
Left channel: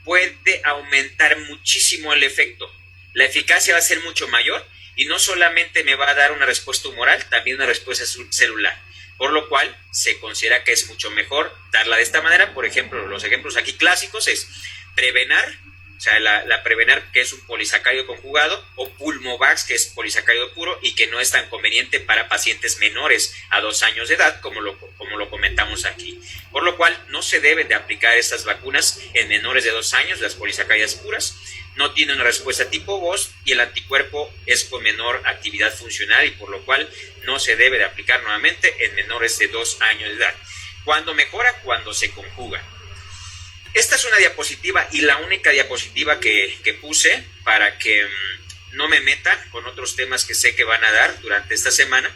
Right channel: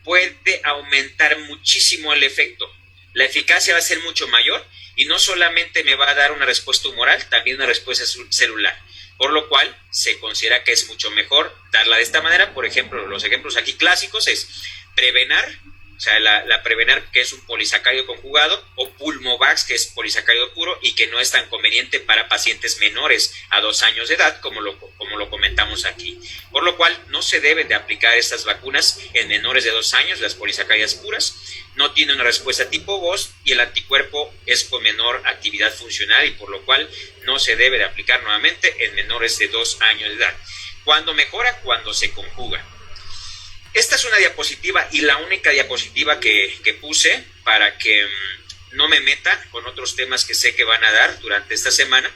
puede aumentar muchísimo el efecto. La eficacia va a ser mucho mayor y no solamente me va a dar una respuesta humoral, también una respuesta celular. Por lo cual se considera que es mucho mejor darla de esta manera. Por ejemplo, los ejemplos aquí clásicos es Prevenar, o sea, la Prevenar, que es un polisacárido conjugado, o Pulmovax, que es polisacárido puro y que no es tan conveniente para pacientes menores a 2 años de edad, como lo comentamos aquí. Por lo cual no se deben de aplicar estas vacunas en menores de 2 años, las polisacáridas puras. No tiene una respuesta tipo VOS y el anticuerpo es con menor actividad funcional y por lo cual no se debe de aplicar nuevamente en menores de 2 años de edad. ¿Cuándo mejora? Cuando se conjuga. Esta es una diapositiva y la única diapositiva que puse para que no me meta con otros temas que sé que van a dar durante esta semana.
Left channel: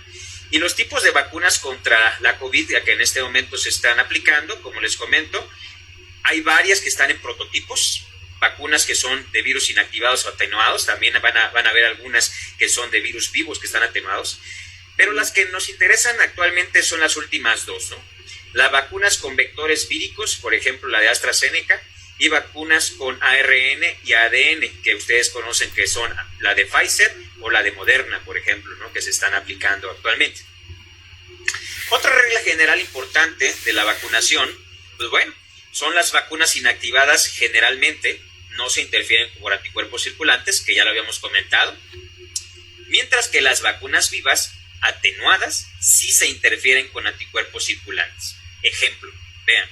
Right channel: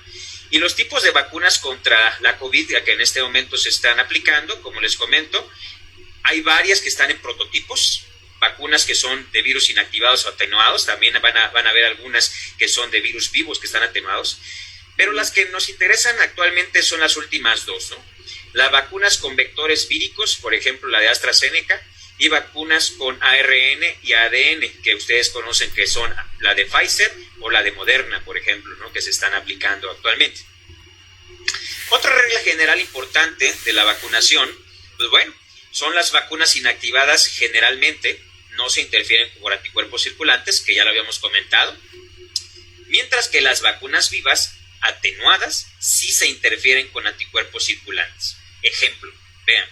Y los tipos de vacunas contra la COVID que en este momento se están aplicando, como les comento, hay varias que están en prototipos. Vacunas que son de virus inactivados o atenuados, también van a haber algunas que son de virus vivos que están atenuados, pero las que nos interesan actualmente son las últimas dos, ¿no? Las vacunas con vectores víricos, por ejemplo la de AstraZeneca, y vacunas con ARN y ADN, que ustedes conocen que son la de Pfizer o la de Moderna, por ejemplo, ¿no? Que se están aplicando actualmente. Otra regla general importante de la vacunación, pues bueno, son las vacunas inactivadas generalmente, no se interfieren por anticuerpos circulantes, que ya lo habíamos comentado, mientras que las vacunas vivas atenuadas sí se interfieren con anticuerpos circulantes. Ejemplo, vean,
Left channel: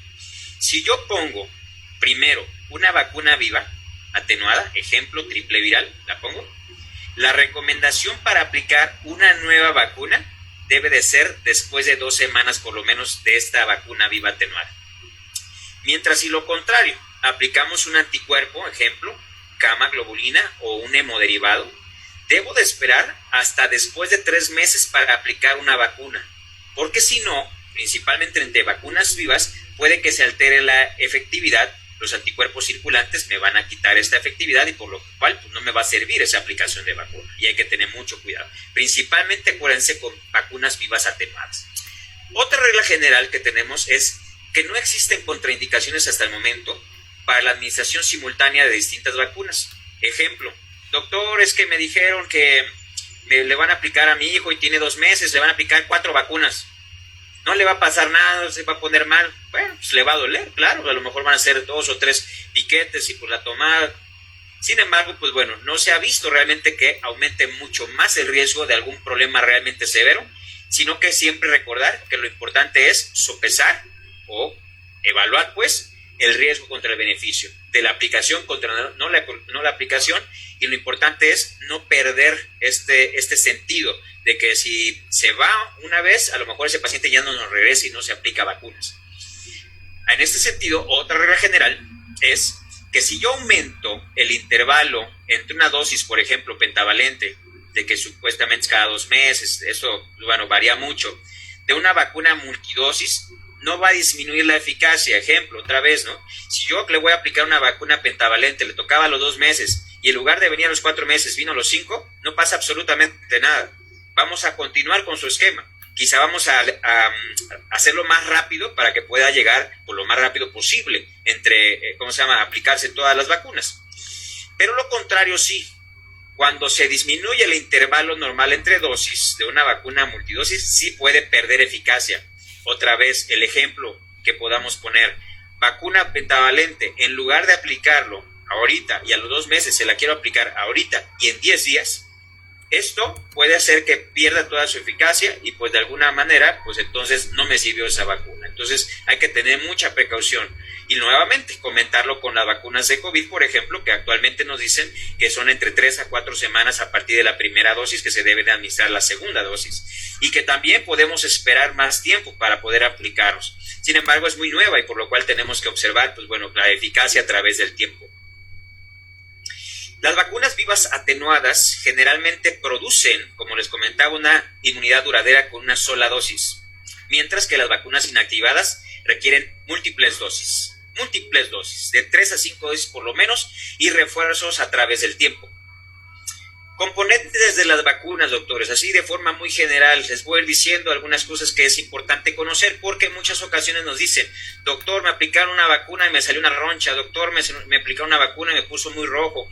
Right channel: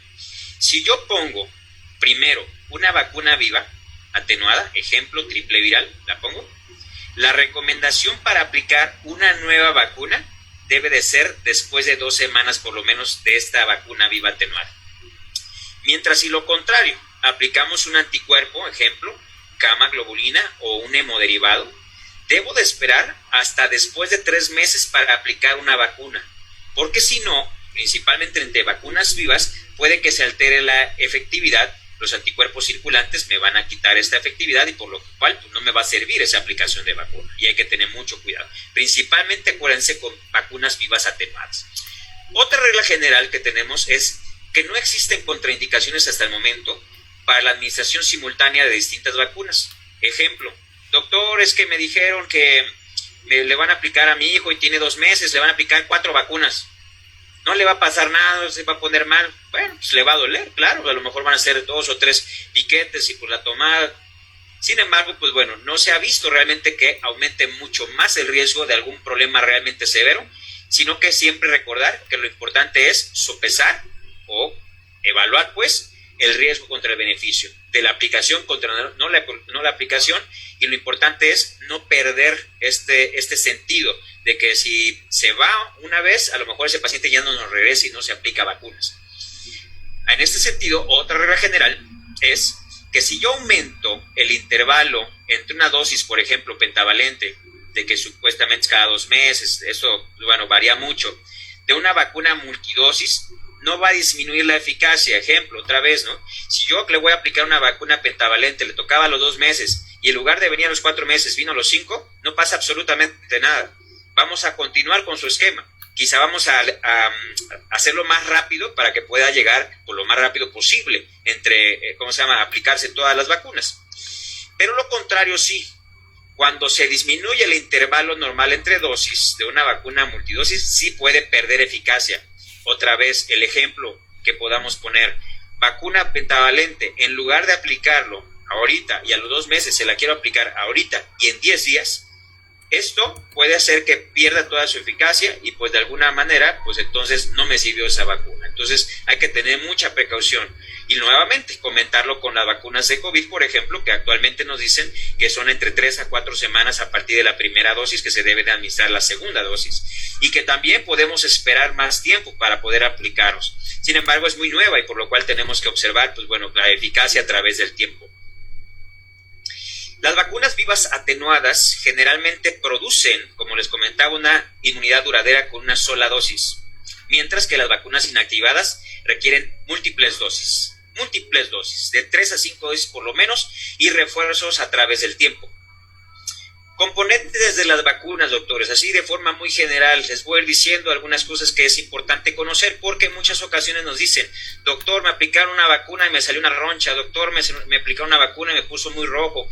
si yo pongo primero una vacuna viva atenuada, ejemplo, triple viral, la pongo, la recomendación para aplicar una nueva vacuna debe de ser después de 2 semanas por lo menos de esta vacuna viva atenuada. Mientras si lo contrario, aplicamos un anticuerpo, ejemplo, gamma globulina o un hemoderivado, debo de esperar hasta después de 3 meses para aplicar una vacuna, porque si no, principalmente entre vacunas vivas, puede que se altere la efectividad, los anticuerpos circulantes me van a quitar esta efectividad y por lo cual pues, no me va a servir esa aplicación de vacuna y hay que tener mucho cuidado, principalmente acuérdense con vacunas vivas atenuadas. Otra regla general que tenemos es que no existen contraindicaciones hasta el momento para la administración simultánea de distintas vacunas. Ejemplo, doctor, es que me dijeron que le van a aplicar a mi hijo y tiene 2 meses, le van a aplicar 4 vacunas. No le va a pasar nada, no se va a poner mal. Bueno, pues le va a doler, claro, a lo mejor van a ser 2 o 3 piquetes y por la tomada. Sin embargo, pues bueno, no se ha visto realmente que aumente mucho más el riesgo de algún problema realmente severo, sino que siempre recordar que lo importante es sopesar o evaluar pues el riesgo contra el beneficio de la aplicación contra no la aplicación, y lo importante es no perder este sentido de que si se va una vez, a lo mejor ese paciente ya no nos regresa y no se aplica vacunas. En este sentido, otra regla general es que si yo aumento el intervalo entre una dosis, por ejemplo, pentavalente, de que supuestamente es cada 2 meses, eso bueno, varía mucho, de una vacuna multidosis, no va a disminuir la eficacia. Ejemplo, otra vez, ¿no? Si yo le voy a aplicar una vacuna pentavalente, le tocaba a los 2 meses, y en lugar de venir a los 4 meses, vino a los 5, no pasa absolutamente nada. Vamos a continuar con su esquema. Quizá vamos a hacerlo más rápido para que pueda llegar por lo más rápido posible entre, aplicarse todas las vacunas. Pero lo contrario sí. Cuando se disminuye el intervalo normal entre dosis de una vacuna multidosis, sí puede perder eficacia. Otra vez, el ejemplo que podamos poner, vacuna pentavalente, en lugar de aplicarlo ahorita y a los 2 meses se la quiero aplicar ahorita y en 10 días, Esto puede hacer que pierda toda su eficacia y pues de alguna manera, pues entonces no me sirvió esa vacuna. Entonces hay que tener mucha precaución. Y nuevamente comentarlo con las vacunas de COVID, por ejemplo, que actualmente nos dicen que son entre 3 a 4 semanas a partir de la primera dosis que se debe de administrar la segunda dosis. Y que también podemos esperar más tiempo para poder aplicarlos. Sin embargo, es muy nueva y por lo cual tenemos que observar, pues bueno, la eficacia a través del tiempo. Las vacunas vivas atenuadas generalmente producen, como les comentaba, una inmunidad duradera con una sola dosis, mientras que las vacunas inactivadas requieren múltiples dosis, de 3 a 5 dosis por lo menos, y refuerzos a través del tiempo. Componentes de las vacunas, doctores, así de forma muy general, les voy a ir diciendo algunas cosas que es importante conocer, porque en muchas ocasiones nos dicen, doctor, me aplicaron una vacuna y me salió una roncha, doctor, me aplicaron una vacuna y me puso muy rojo,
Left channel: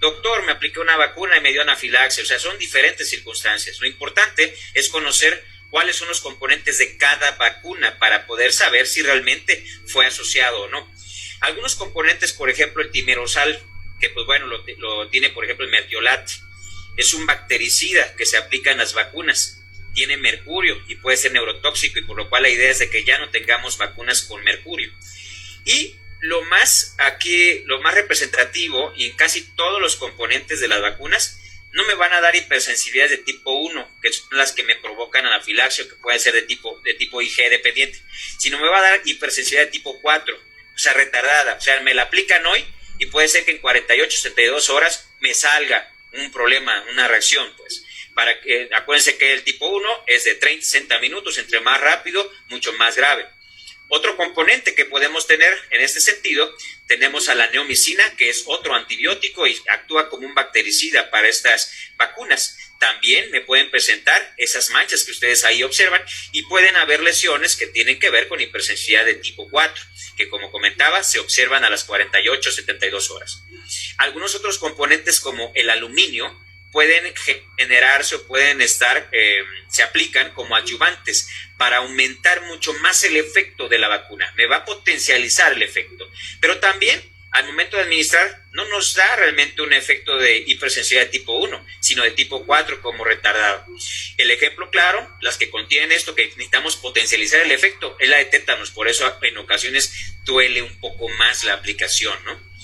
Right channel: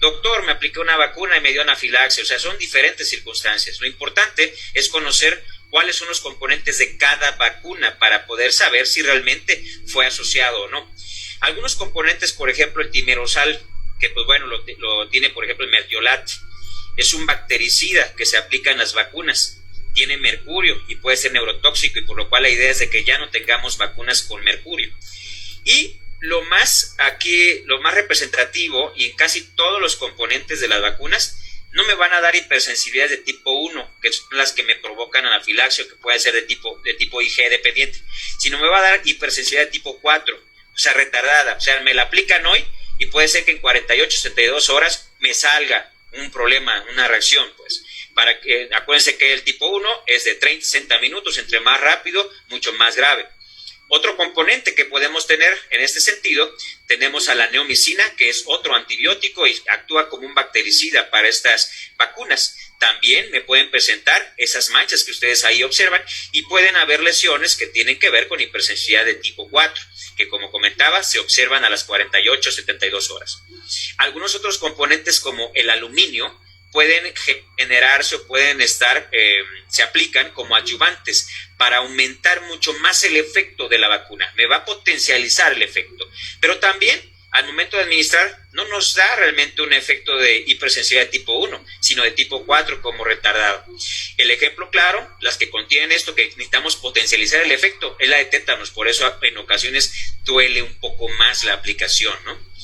doctor, me apliqué una vacuna y me dio anafilaxia. O sea, son diferentes circunstancias. Lo importante es conocer cuáles son los componentes de cada vacuna para poder saber si realmente fue asociado o no. Algunos componentes, por ejemplo, el timerosal, que pues bueno, lo tiene por ejemplo el mertiolat, es un bactericida que se aplica en las vacunas, tiene mercurio y puede ser neurotóxico, y por lo cual la idea es de que ya no tengamos vacunas con mercurio. Y lo más representativo, y en casi todos los componentes de las vacunas, no me van a dar hipersensibilidades de tipo 1, que son las que me provocan anafilaxia, que puede ser de tipo IG dependiente, sino me va a dar hipersensibilidad de tipo 4, o sea, retardada. O sea, me la aplican hoy y puede ser que en 48, 72 horas me salga un problema, una reacción, pues. Acuérdense que el tipo 1 es de 30, 60 minutos, entre más rápido, mucho más grave. Otro componente que podemos tener en este sentido, tenemos a la neomicina, que es otro antibiótico y actúa como un bactericida para estas vacunas. También me pueden presentar esas manchas que ustedes ahí observan, y pueden haber lesiones que tienen que ver con hipersensibilidad de tipo 4, que como comentaba, se observan a las 48, 72 horas. Algunos otros componentes como el aluminio pueden generarse o pueden se aplican como adyuvantes para aumentar mucho más el efecto de la vacuna. Me va a potencializar el efecto, pero también al momento de administrar no nos da realmente un efecto de hipersensibilidad de tipo 1, sino de tipo 4 como retardado. El ejemplo claro, las que contienen esto, que necesitamos potencializar el efecto, es la de tétanos. Por eso en ocasiones duele un poco más la aplicación, ¿no?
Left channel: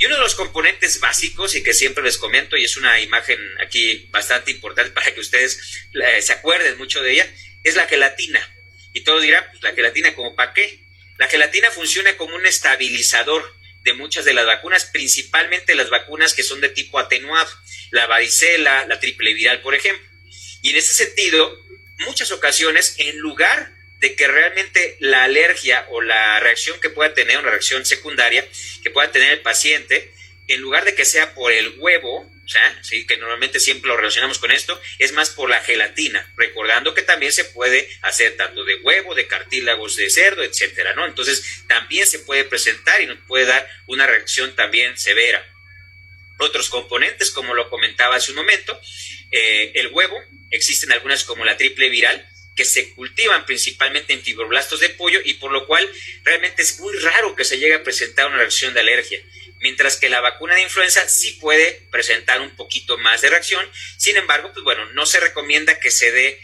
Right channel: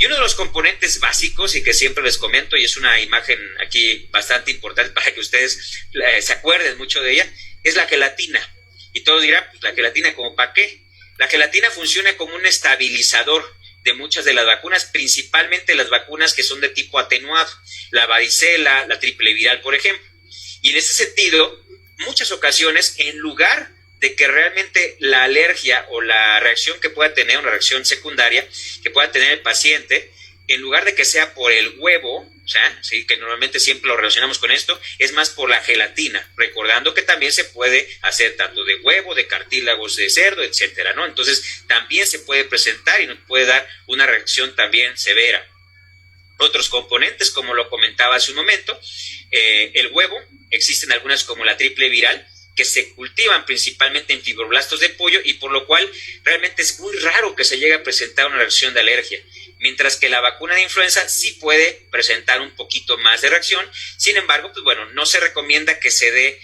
Y uno de los componentes básicos, y que siempre les comento, y es una imagen aquí bastante importante para que ustedes se acuerden mucho de ella, es la gelatina. Y todos dirán, pues la gelatina, ¿cómo para qué? La gelatina funciona como un estabilizador de muchas de las vacunas, principalmente las vacunas que son de tipo atenuado, la varicela, la triple viral, por ejemplo. Y en ese sentido, muchas ocasiones, en lugar de que realmente la alergia o la reacción que pueda tener, una reacción secundaria que pueda tener el paciente, en lugar de que sea por el huevo, o sea, sí, que normalmente siempre lo relacionamos con esto, es más por la gelatina, recordando que también se puede hacer tanto de huevo, de cartílagos de cerdo, etcétera, ¿no? Entonces, también se puede presentar y nos puede dar una reacción también severa. Otros componentes, como lo comentaba hace un momento, el huevo, existen algunas como la triple viral, que se cultivan principalmente en fibroblastos de pollo, y por lo cual realmente es muy raro que se llegue a presentar una reacción de alergia, mientras que la vacuna de influenza sí puede presentar un poquito más de reacción. Sin embargo, pues bueno, no se recomienda que se dé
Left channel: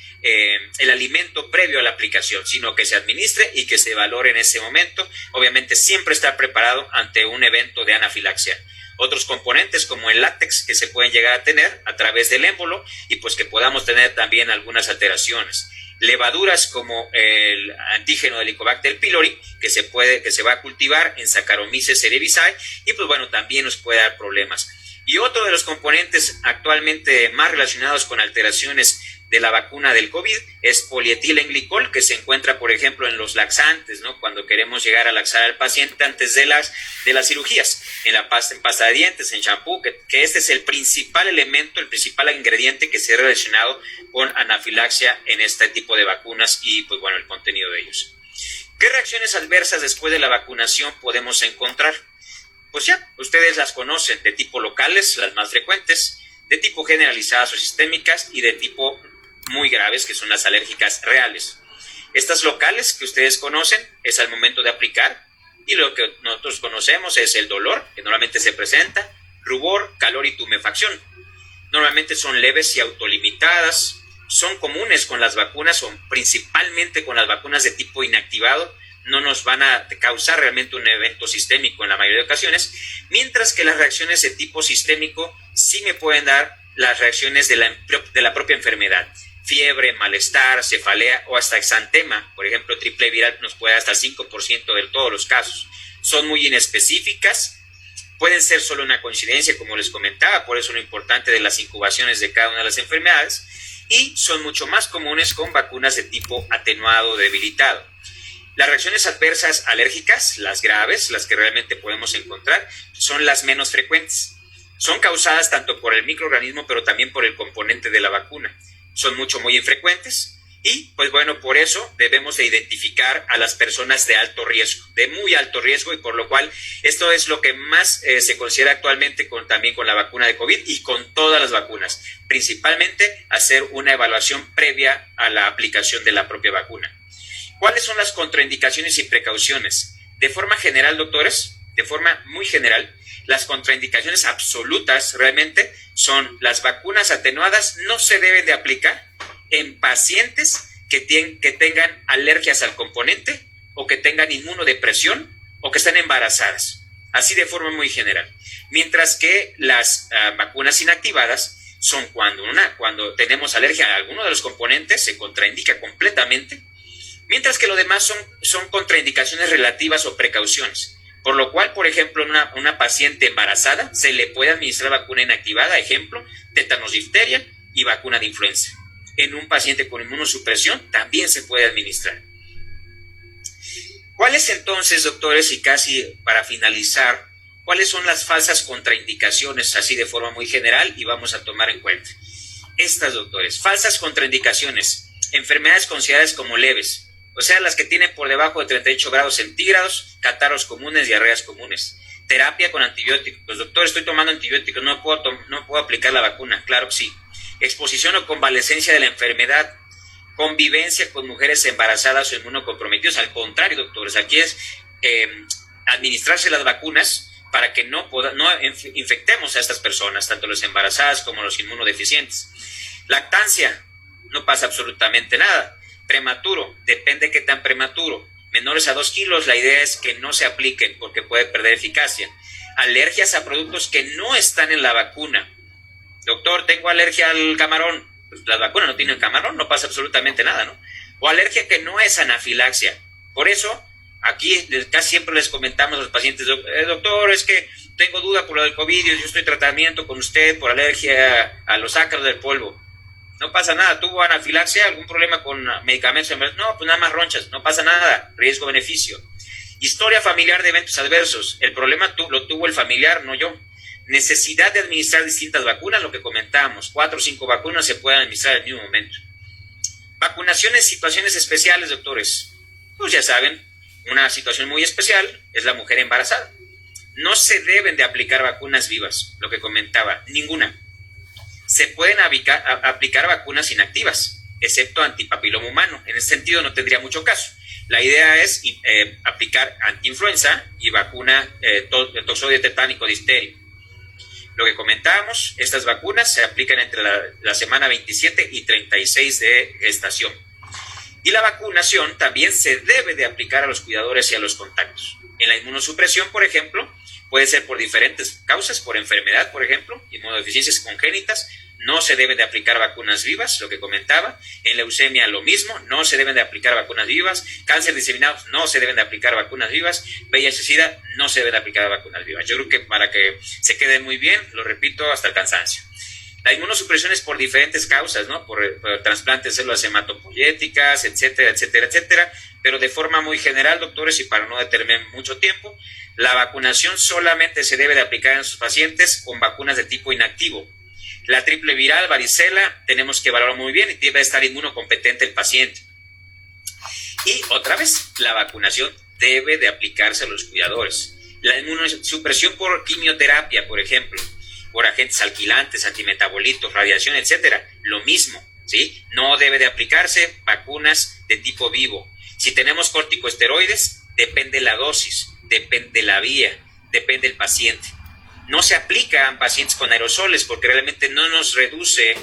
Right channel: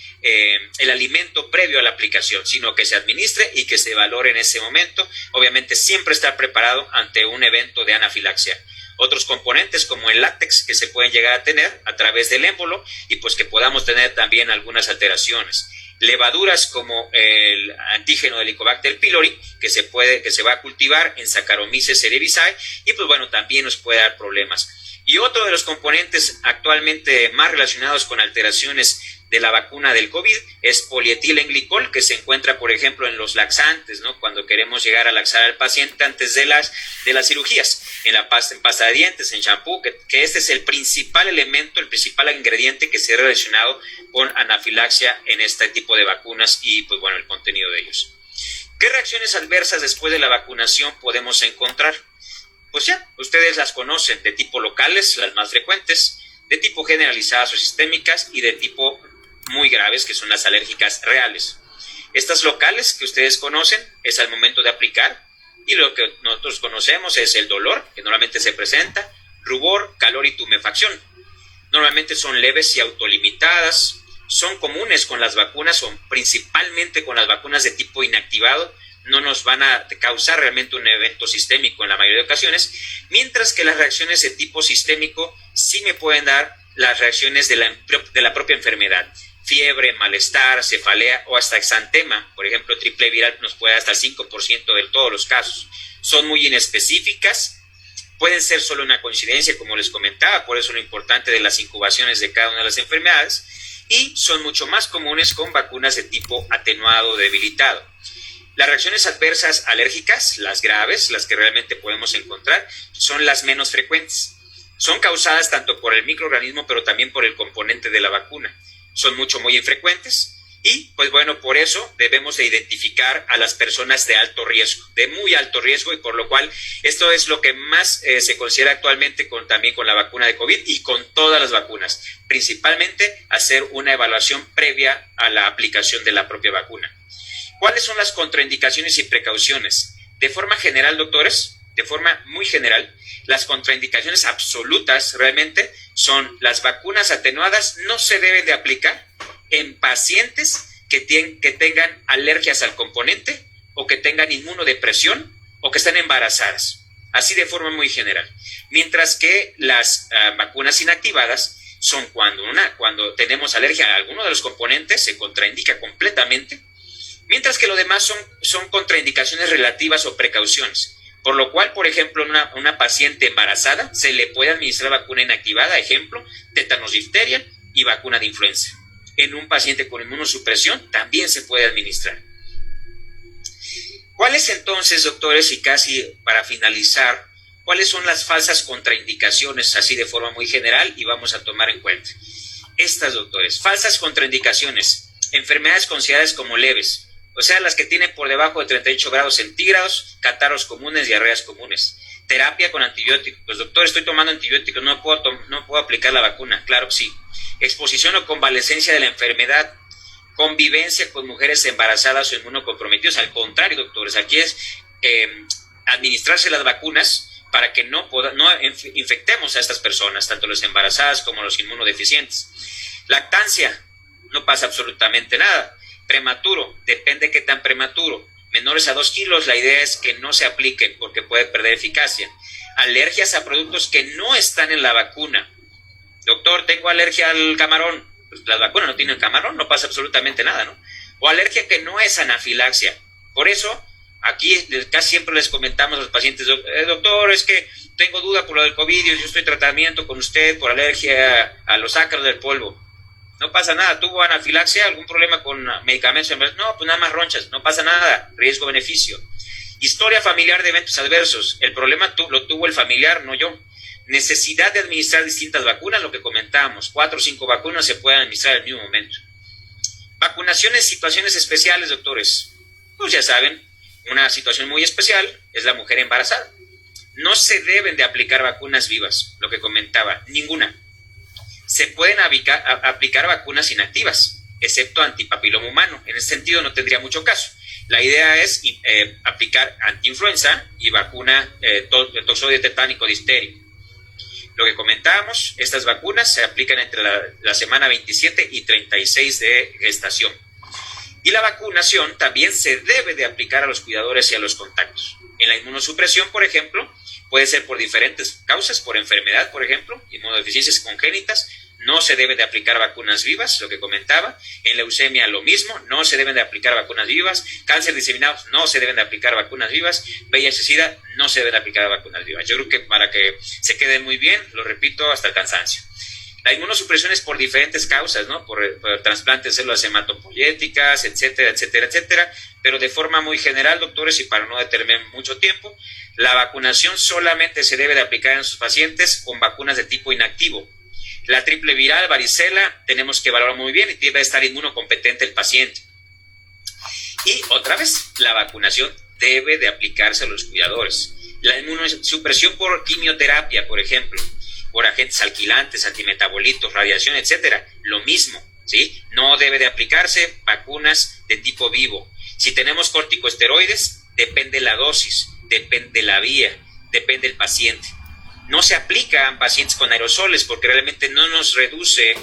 el alimento previo a la aplicación, sino que se administre y que se valore en ese momento. Obviamente siempre estar preparado ante un evento de anafilaxia. Otros componentes como el látex que se pueden llegar a tener a través del émbolo, y pues que podamos tener también algunas alteraciones. Levaduras como el antígeno de Helicobacter pylori, que se va a cultivar en Saccharomyces cerevisiae, y pues bueno, también nos puede dar problemas. Y otro de los componentes actualmente más relacionados con alteraciones de la vacuna del COVID es polietilenglicol, que se encuentra, por ejemplo, en los laxantes, ¿no? Cuando queremos llegar a laxar al paciente antes de las cirugías, en pasta de dientes, en champú, que este es el principal elemento, el principal ingrediente que se ha relacionado con anafilaxia en este tipo de vacunas y, pues bueno, el contenido de ellos. ¿Qué reacciones adversas después de la vacunación podemos encontrar? Pues ya, ustedes las conocen, de tipo locales, las más frecuentes, de tipo generalizadas o sistémicas, y de tipo muy graves, que son las alérgicas reales. Estas locales que ustedes conocen es al momento de aplicar, y lo que nosotros conocemos es el dolor, que normalmente se presenta, rubor, calor y tumefacción. Normalmente son leves y autolimitadas, son comunes con las vacunas o principalmente con las vacunas de tipo inactivado, no nos van a causar realmente un evento sistémico en la mayoría de ocasiones, mientras que las reacciones de tipo sistémico sí me pueden dar las reacciones de la propia enfermedad. Fiebre, malestar, cefalea o hasta exantema, por ejemplo, triple viral nos puede dar hasta el 5% de todos los casos. Son muy inespecíficas, pueden ser solo una coincidencia, como les comentaba, por eso lo importante de las incubaciones de cada una de las enfermedades, y son mucho más comunes con vacunas de tipo atenuado o debilitado. Las reacciones adversas alérgicas, las graves, las que realmente podemos encontrar, son las menos frecuentes. Son causadas tanto por el microorganismo, pero también por el componente de la vacuna. Son muy infrecuentes y, pues bueno, por eso debemos de identificar a las personas de alto riesgo, de muy alto riesgo, y por lo cual esto es lo que más se considera actualmente también con la vacuna de COVID y con todas las vacunas. Principalmente hacer una evaluación previa a la aplicación de la propia vacuna. ¿Cuáles son las contraindicaciones y precauciones? De forma general, doctores, de forma muy general, las contraindicaciones absolutas realmente son las vacunas atenuadas no se deben de aplicar en pacientes que tengan alergias al componente o que tengan inmunodepresión o que estén embarazadas, así de forma muy general. Mientras que las vacunas inactivadas son cuando tenemos alergia a alguno de los componentes, se contraindica completamente, mientras que lo demás son contraindicaciones relativas o precauciones. Por lo cual, por ejemplo, una paciente embarazada se le puede administrar vacuna inactivada, ejemplo, tétanos, difteria y vacuna de influenza. En un paciente con inmunosupresión también se puede administrar. ¿Cuáles entonces, doctores, y casi para finalizar, cuáles son las falsas contraindicaciones, así de forma muy general, y vamos a tomar en cuenta? Estas, doctores, falsas contraindicaciones, enfermedades consideradas como leves, o sea, las que tienen por debajo de 38 grados centígrados, catarros comunes, diarreas comunes. Terapia con antibióticos. Doctor, estoy tomando antibióticos, no puedo aplicar la vacuna. Claro que sí. Exposición o convalescencia de la enfermedad. Convivencia con mujeres embarazadas o inmunocomprometidas. Al contrario, doctores, aquí es administrarse las vacunas para que no infectemos a estas personas, tanto las embarazadas como los inmunodeficientes. Lactancia, no pasa absolutamente nada. Prematuro, depende qué tan prematuro. Menores a 2 kilos, la idea es que no se apliquen porque puede perder eficacia. Alergias a productos que no están en la vacuna. Doctor, tengo alergia al camarón. Pues la vacuna no tiene el camarón, no pasa absolutamente nada, ¿no? O alergia que no es anafilaxia. Por eso, aquí casi siempre les comentamos a los pacientes, doctor, es que tengo duda por lo del COVID, yo estoy en tratamiento con usted por alergia a los ácaros del polvo. No pasa nada, ¿tuvo anafilaxia? ¿Algún problema con medicamentos? No, pues nada más ronchas, no pasa nada, riesgo-beneficio. Historia familiar de eventos adversos, el problema lo tuvo el familiar, no yo. Necesidad de administrar distintas vacunas, lo que comentábamos, 4 o 5 vacunas se pueden administrar al mismo momento. Vacunación en situaciones especiales, doctores. Pues ya saben, una situación muy especial es la mujer embarazada. No se deben de aplicar vacunas vivas, lo que comentaba, ninguna. Se pueden aplicar vacunas inactivas, excepto antipapiloma humano. En ese sentido no tendría mucho caso. La idea es aplicar antiinfluenza y vacuna toxoide tetánico diftérico. Lo que comentábamos, estas vacunas se aplican entre la semana 27 y 36 de gestación. Y la vacunación también se debe de aplicar a los cuidadores y a los contactos. En la inmunosupresión, por ejemplo, puede ser por diferentes causas, por enfermedad, por ejemplo, inmunodeficiencias congénitas, no se deben de aplicar vacunas vivas, lo que comentaba. En leucemia lo mismo, no se deben de aplicar vacunas vivas. Cáncer diseminado, no se deben de aplicar vacunas vivas. VIH-Sida, no se deben de aplicar vacunas vivas. Yo creo que para que se quede muy bien, lo repito hasta el cansancio. La inmunosupresión es por diferentes causas, ¿no? Por trasplantes de células hematopoyéticas, etcétera, etcétera, etcétera. Pero de forma muy general, doctores, y para no detenerme mucho tiempo, la vacunación solamente se debe de aplicar en sus pacientes con vacunas de tipo inactivo. La triple viral, varicela, tenemos que evaluar muy bien y debe estar inmunocompetente el paciente. Y otra vez, la vacunación debe de aplicarse a los cuidadores. La inmunosupresión por quimioterapia, por ejemplo, por agentes alquilantes, antimetabolitos, radiación, etcétera, lo mismo, ¿sí? No debe de aplicarse vacunas de tipo vivo. Si tenemos corticosteroides, depende la dosis, depende la vía, depende el paciente. no se aplica en pacientes con aerosoles porque realmente no nos reduce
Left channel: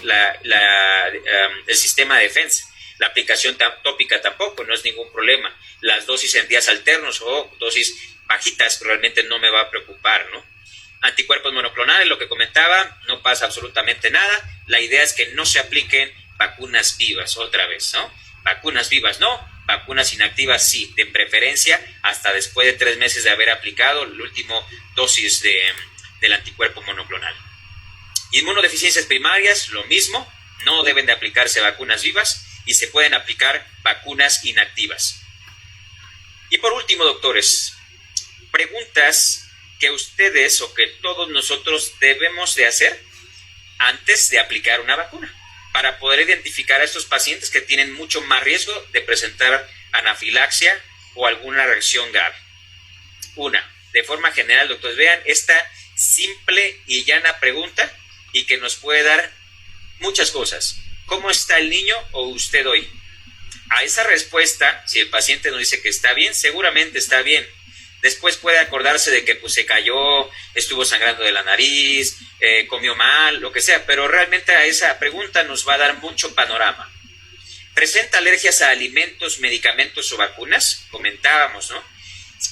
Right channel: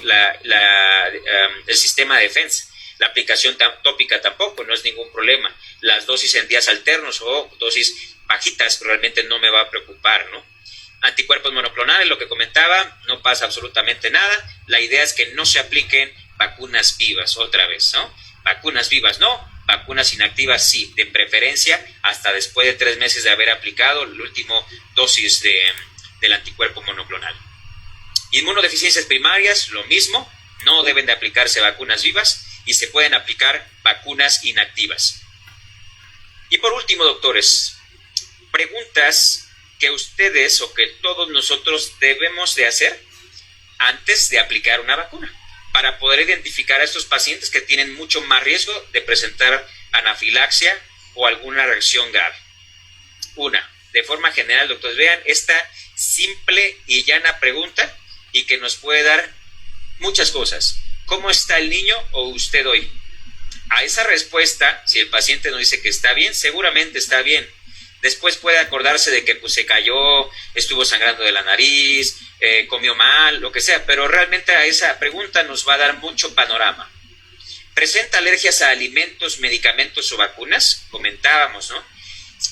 el sistema de defensa. La aplicación tópica tampoco, no es ningún problema. Las dosis en días alternos o dosis bajitas realmente no me va a preocupar, ¿no? Anticuerpos monoclonales, lo que comentaba, no pasa absolutamente nada. La idea es que no se apliquen vacunas vivas otra vez, ¿no? Vacunas vivas no, vacunas inactivas sí, de preferencia hasta después de 3 meses de haber aplicado la última dosis del anticuerpo monoclonal. Inmunodeficiencias primarias, lo mismo, no deben de aplicarse vacunas vivas y se pueden aplicar vacunas inactivas. Y por último, doctores, preguntas que ustedes o que todos nosotros debemos de hacer antes de aplicar una vacuna para poder identificar a estos pacientes que tienen mucho más riesgo de presentar anafilaxia o alguna reacción grave. Una, de forma general, doctores, vean esta simple y llana pregunta y que nos puede dar muchas cosas. ¿Cómo está el niño o usted hoy? A esa respuesta, si el paciente nos dice que está bien, seguramente está bien. Después puede acordarse de que pues, se cayó, estuvo sangrando de la nariz, comió mal, lo que sea, pero realmente a esa pregunta nos va a dar mucho panorama. ¿Presenta alergias a alimentos, medicamentos o vacunas? Comentábamos, ¿no?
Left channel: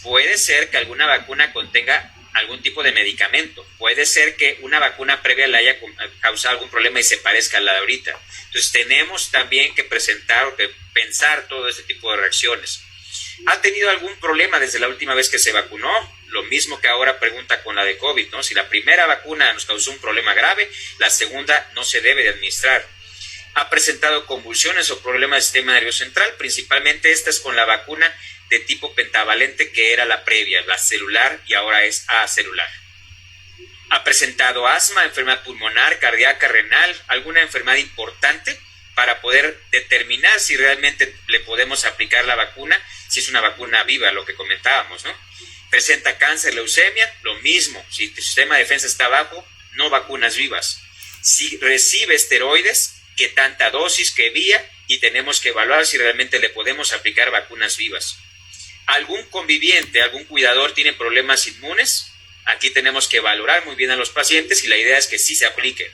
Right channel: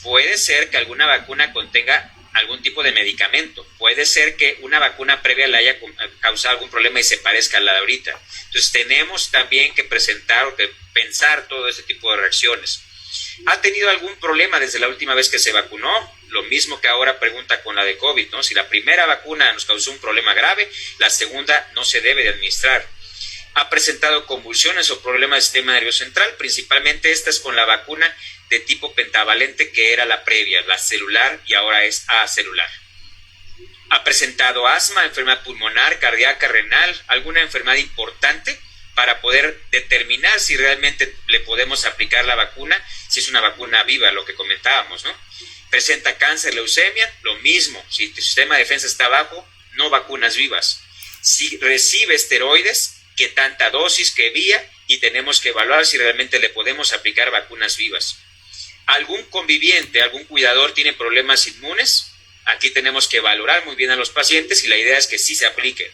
Puede ser que alguna vacuna contenga algún tipo de medicamento. Puede ser que una vacuna previa le haya causado algún problema y se parezca a la de ahorita. Entonces tenemos también que presentar o que pensar todo ese tipo de reacciones. ¿Ha tenido algún problema desde la última vez que se vacunó? Lo mismo que ahora pregunta con la de COVID, ¿no? Si la primera vacuna nos causó un problema grave, la segunda no se debe de administrar. ¿Ha presentado convulsiones o problemas del sistema nervioso central? Principalmente estas con la vacuna de tipo pentavalente que era la previa, la celular y ahora es acelular. ¿Ha presentado asma, enfermedad pulmonar, cardíaca, renal, alguna enfermedad importante para poder determinar si realmente le podemos aplicar la vacuna, si es una vacuna viva, lo que comentábamos, ¿no? ¿Presenta cáncer, leucemia? Lo mismo, si tu sistema de defensa está bajo, no vacunas vivas. Si recibe esteroides, ¿qué tanta dosis, qué vía? Y tenemos que evaluar si realmente le podemos aplicar vacunas vivas. ¿Algún conviviente, algún cuidador tiene problemas inmunes? Aquí tenemos que valorar muy bien a los pacientes y la idea es que sí se aplique.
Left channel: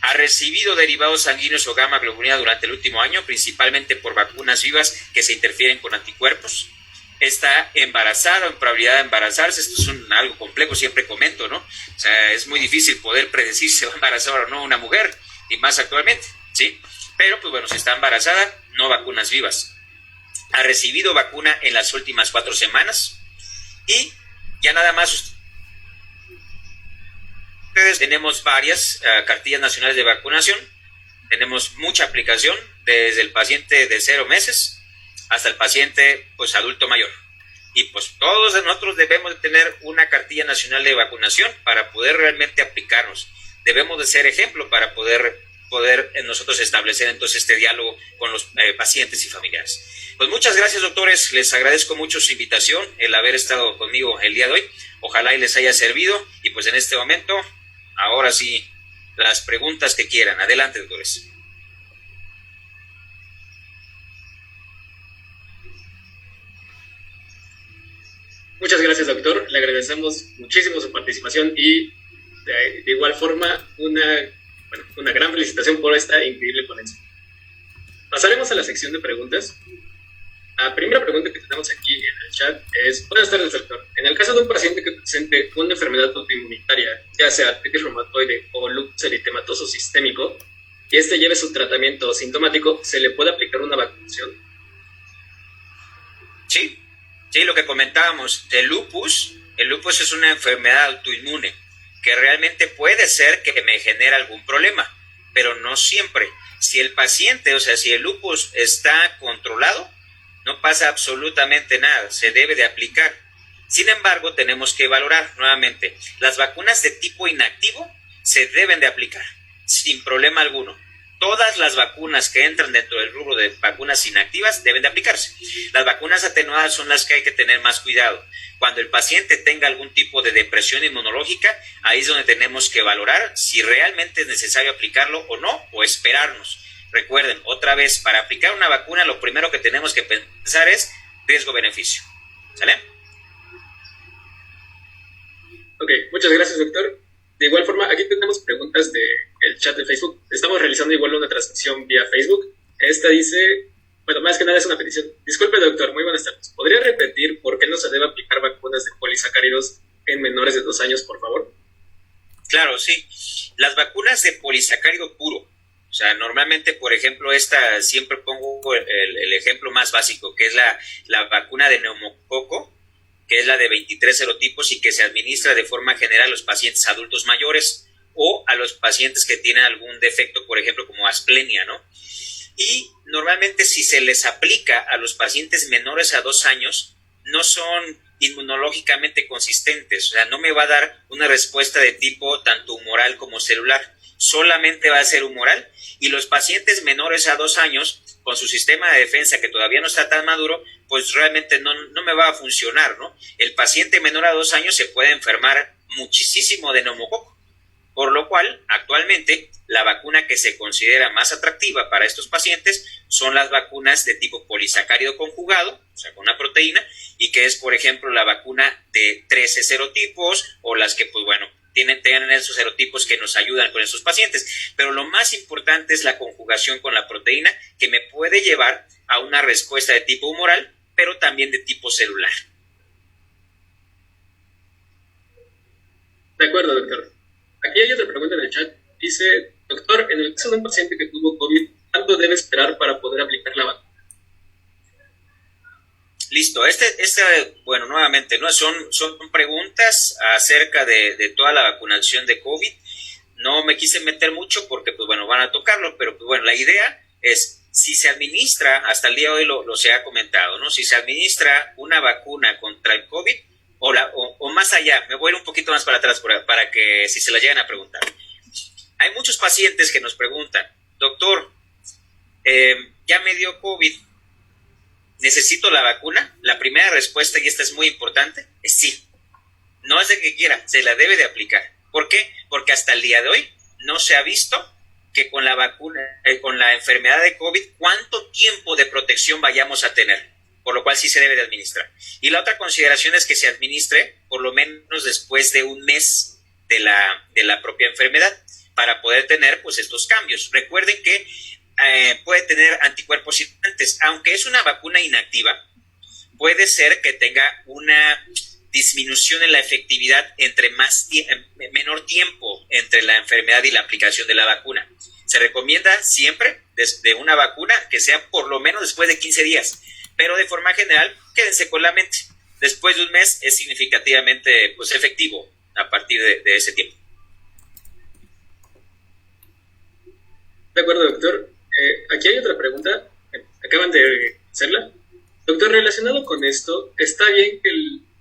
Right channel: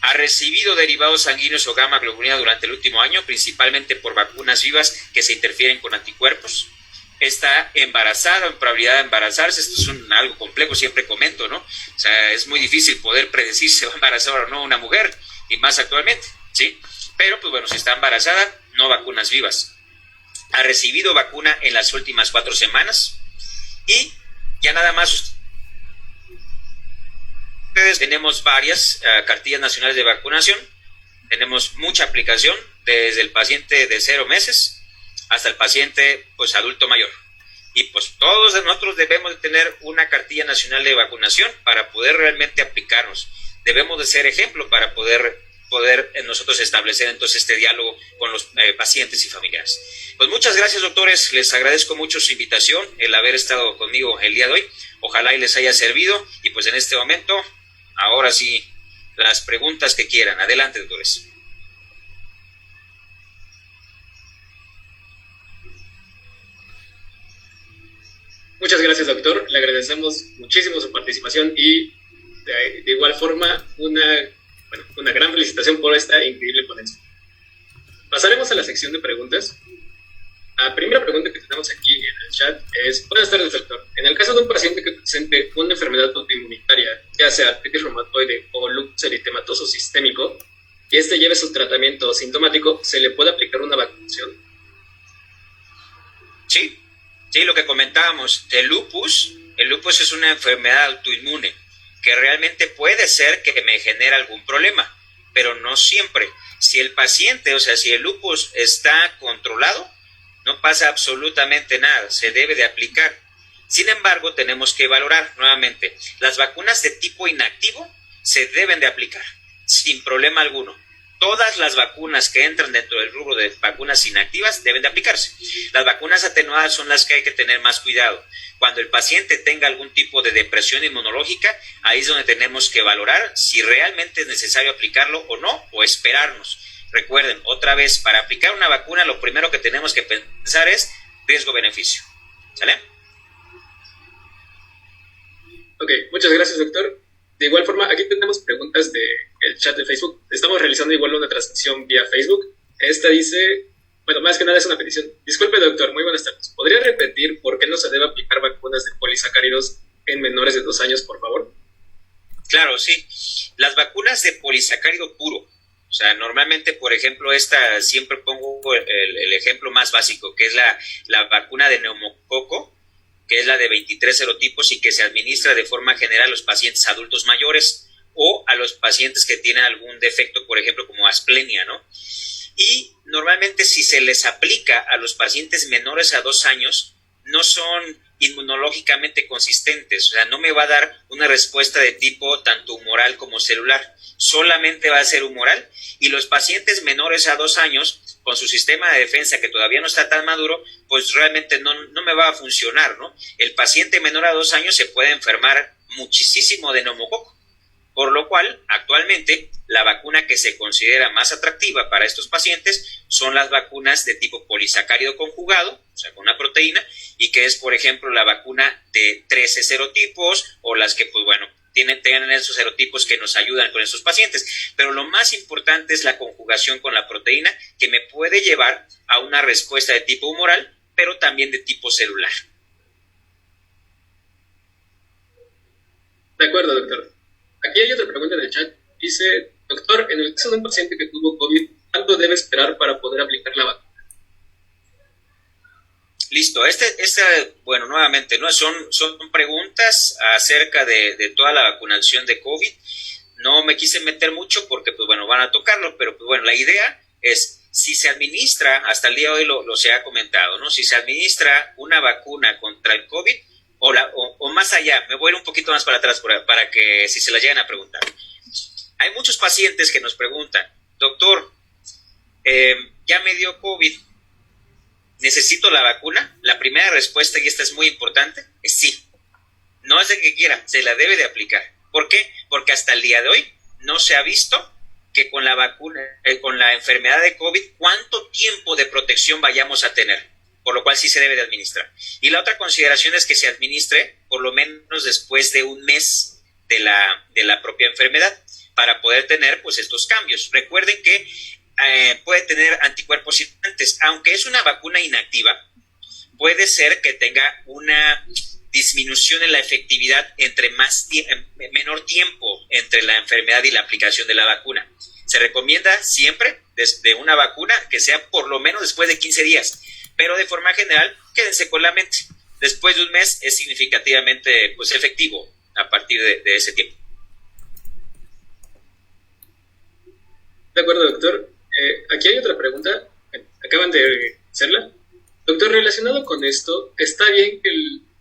¿Ha recibido derivados sanguíneos o gamma globulina durante el último año, principalmente por vacunas vivas que se interfieren con anticuerpos? ¿Está embarazada o en probabilidad de embarazarse? Esto es algo complejo, siempre comento, ¿no? O sea, es muy difícil poder predecir si se va a embarazar o no una mujer, y más actualmente, ¿sí? Pero, pues bueno, si está embarazada, no vacunas vivas. ¿Ha recibido vacuna en las últimas 4 semanas? Y ya nada más, tenemos varias cartillas nacionales de vacunación, tenemos mucha aplicación desde el paciente de 0 meses hasta el paciente pues adulto mayor. Y pues todos nosotros debemos de tener una cartilla nacional de vacunación para poder realmente aplicarnos. Debemos de ser ejemplo para poder nosotros establecer entonces este diálogo con los pacientes y familiares. Pues muchas gracias, doctores, les agradezco mucho su invitación, el haber estado conmigo el día de hoy, ojalá y les haya servido, y pues en este momento, ahora sí, las preguntas que quieran. Adelante, doctores. Muchas gracias, doctor, le agradecemos muchísimo su participación y de igual forma una gran felicitación por esta increíble ponencia. Pasaremos a la sección de preguntas. La primera pregunta que tenemos aquí en el chat es: buenas tardes, doctor. En el caso de un paciente que presente una enfermedad autoinmunitaria, ya sea artritis reumatoide o lupus eritematoso sistémico, y este lleve su tratamiento sintomático, ¿se le puede aplicar una vacunación? Sí, lo que comentábamos, el lupus es una enfermedad autoinmune que realmente puede ser que me genere algún problema, pero no siempre. Si el paciente, o sea, si el lupus está controlado, no pasa absolutamente nada, se debe de aplicar. Sin embargo, tenemos que valorar nuevamente, las vacunas de tipo inactivo se deben de aplicar, sin problema alguno. Todas las vacunas que entran dentro del rubro de vacunas inactivas deben de aplicarse. Las vacunas atenuadas son las que hay que tener más cuidado. Cuando el paciente tenga algún tipo de depresión inmunológica, ahí es donde tenemos que valorar si realmente es necesario aplicarlo o no, o esperarnos. Recuerden, otra vez, para aplicar una vacuna, lo primero que tenemos que pensar es riesgo-beneficio. ¿Sale? Ok, muchas gracias, doctor. De igual forma, aquí tenemos preguntas del chat de Facebook. Estamos realizando igual una transmisión vía Facebook. Esta dice, bueno, más que nada es una petición. Disculpe, doctor, muy buenas tardes. ¿Podría repetir por qué no se debe aplicar vacunas de polisacáridos en menores de 2 años, por favor? Claro, sí. Las vacunas de polisacárido puro, o sea, normalmente, por ejemplo, esta siempre pongo el ejemplo más básico, que es la vacuna de neumococo, que es la de 23 serotipos y que se administra de forma general a los pacientes adultos mayores o a los pacientes que tienen algún defecto, por ejemplo, como asplenia, ¿no? Y normalmente si se les aplica a los pacientes menores a 2 años, no son inmunológicamente consistentes, o sea, no me va a dar una respuesta de tipo tanto humoral como celular, solamente va a ser humoral, y los pacientes menores a 2 años, con su sistema de defensa que todavía no está tan maduro, pues realmente no me va a funcionar, ¿no? El paciente menor a 2 años se puede enfermar muchísimo de neumococo, por lo cual actualmente la vacuna que se considera más atractiva para estos pacientes son las vacunas de tipo polisacárido conjugado, o sea, con una proteína, y que es, por ejemplo, la vacuna de 13 serotipos o las que, pues bueno, tienen esos serotipos que nos ayudan con estos pacientes. Pero lo más importante es la conjugación con la proteína, que me puede llevar a una respuesta de tipo humoral, pero también de tipo celular. De acuerdo, doctor. Aquí hay otra pregunta en el chat. Dice, doctor, en el caso de un paciente que tuvo COVID, ¿cuánto debe esperar para poder aplicar la vacuna? Listo, bueno, nuevamente, ¿no? Son preguntas acerca de toda la vacunación de COVID. No me quise meter mucho porque, pues bueno, van a tocarlo, pero pues bueno, la idea es, si se administra, hasta el día de hoy lo se ha comentado, ¿no? Si se administra una vacuna contra el COVID, o más allá, me voy a ir un poquito más para atrás para que si se la llegan a preguntar. Hay muchos pacientes que nos preguntan, doctor, ya me dio COVID, ¿necesito la vacuna? La primera respuesta, y esta es muy importante, es sí. No es de que quiera, se la debe de aplicar. ¿Por qué? Porque hasta el día de hoy no se ha visto que con la vacuna, con la enfermedad de COVID, cuánto tiempo de protección vayamos a tener, por lo cual sí se debe de administrar. Y la otra consideración es que se administre por lo menos después de 1 mes de la propia enfermedad, para poder tener pues estos cambios. Recuerden que puede tener anticuerpos circulantes, aunque es una vacuna inactiva, puede ser que tenga una disminución en la efectividad entre menor tiempo entre la enfermedad y la aplicación de la vacuna. Se recomienda siempre desde una vacuna que sea por lo menos después de 15 días, pero de forma general quédense con la mente. Después de 1 mes es significativamente pues efectivo a partir de ese tiempo. De acuerdo, doctor. Aquí hay otra pregunta. Acaban de hacerla. Doctor, relacionado con esto, ¿está bien que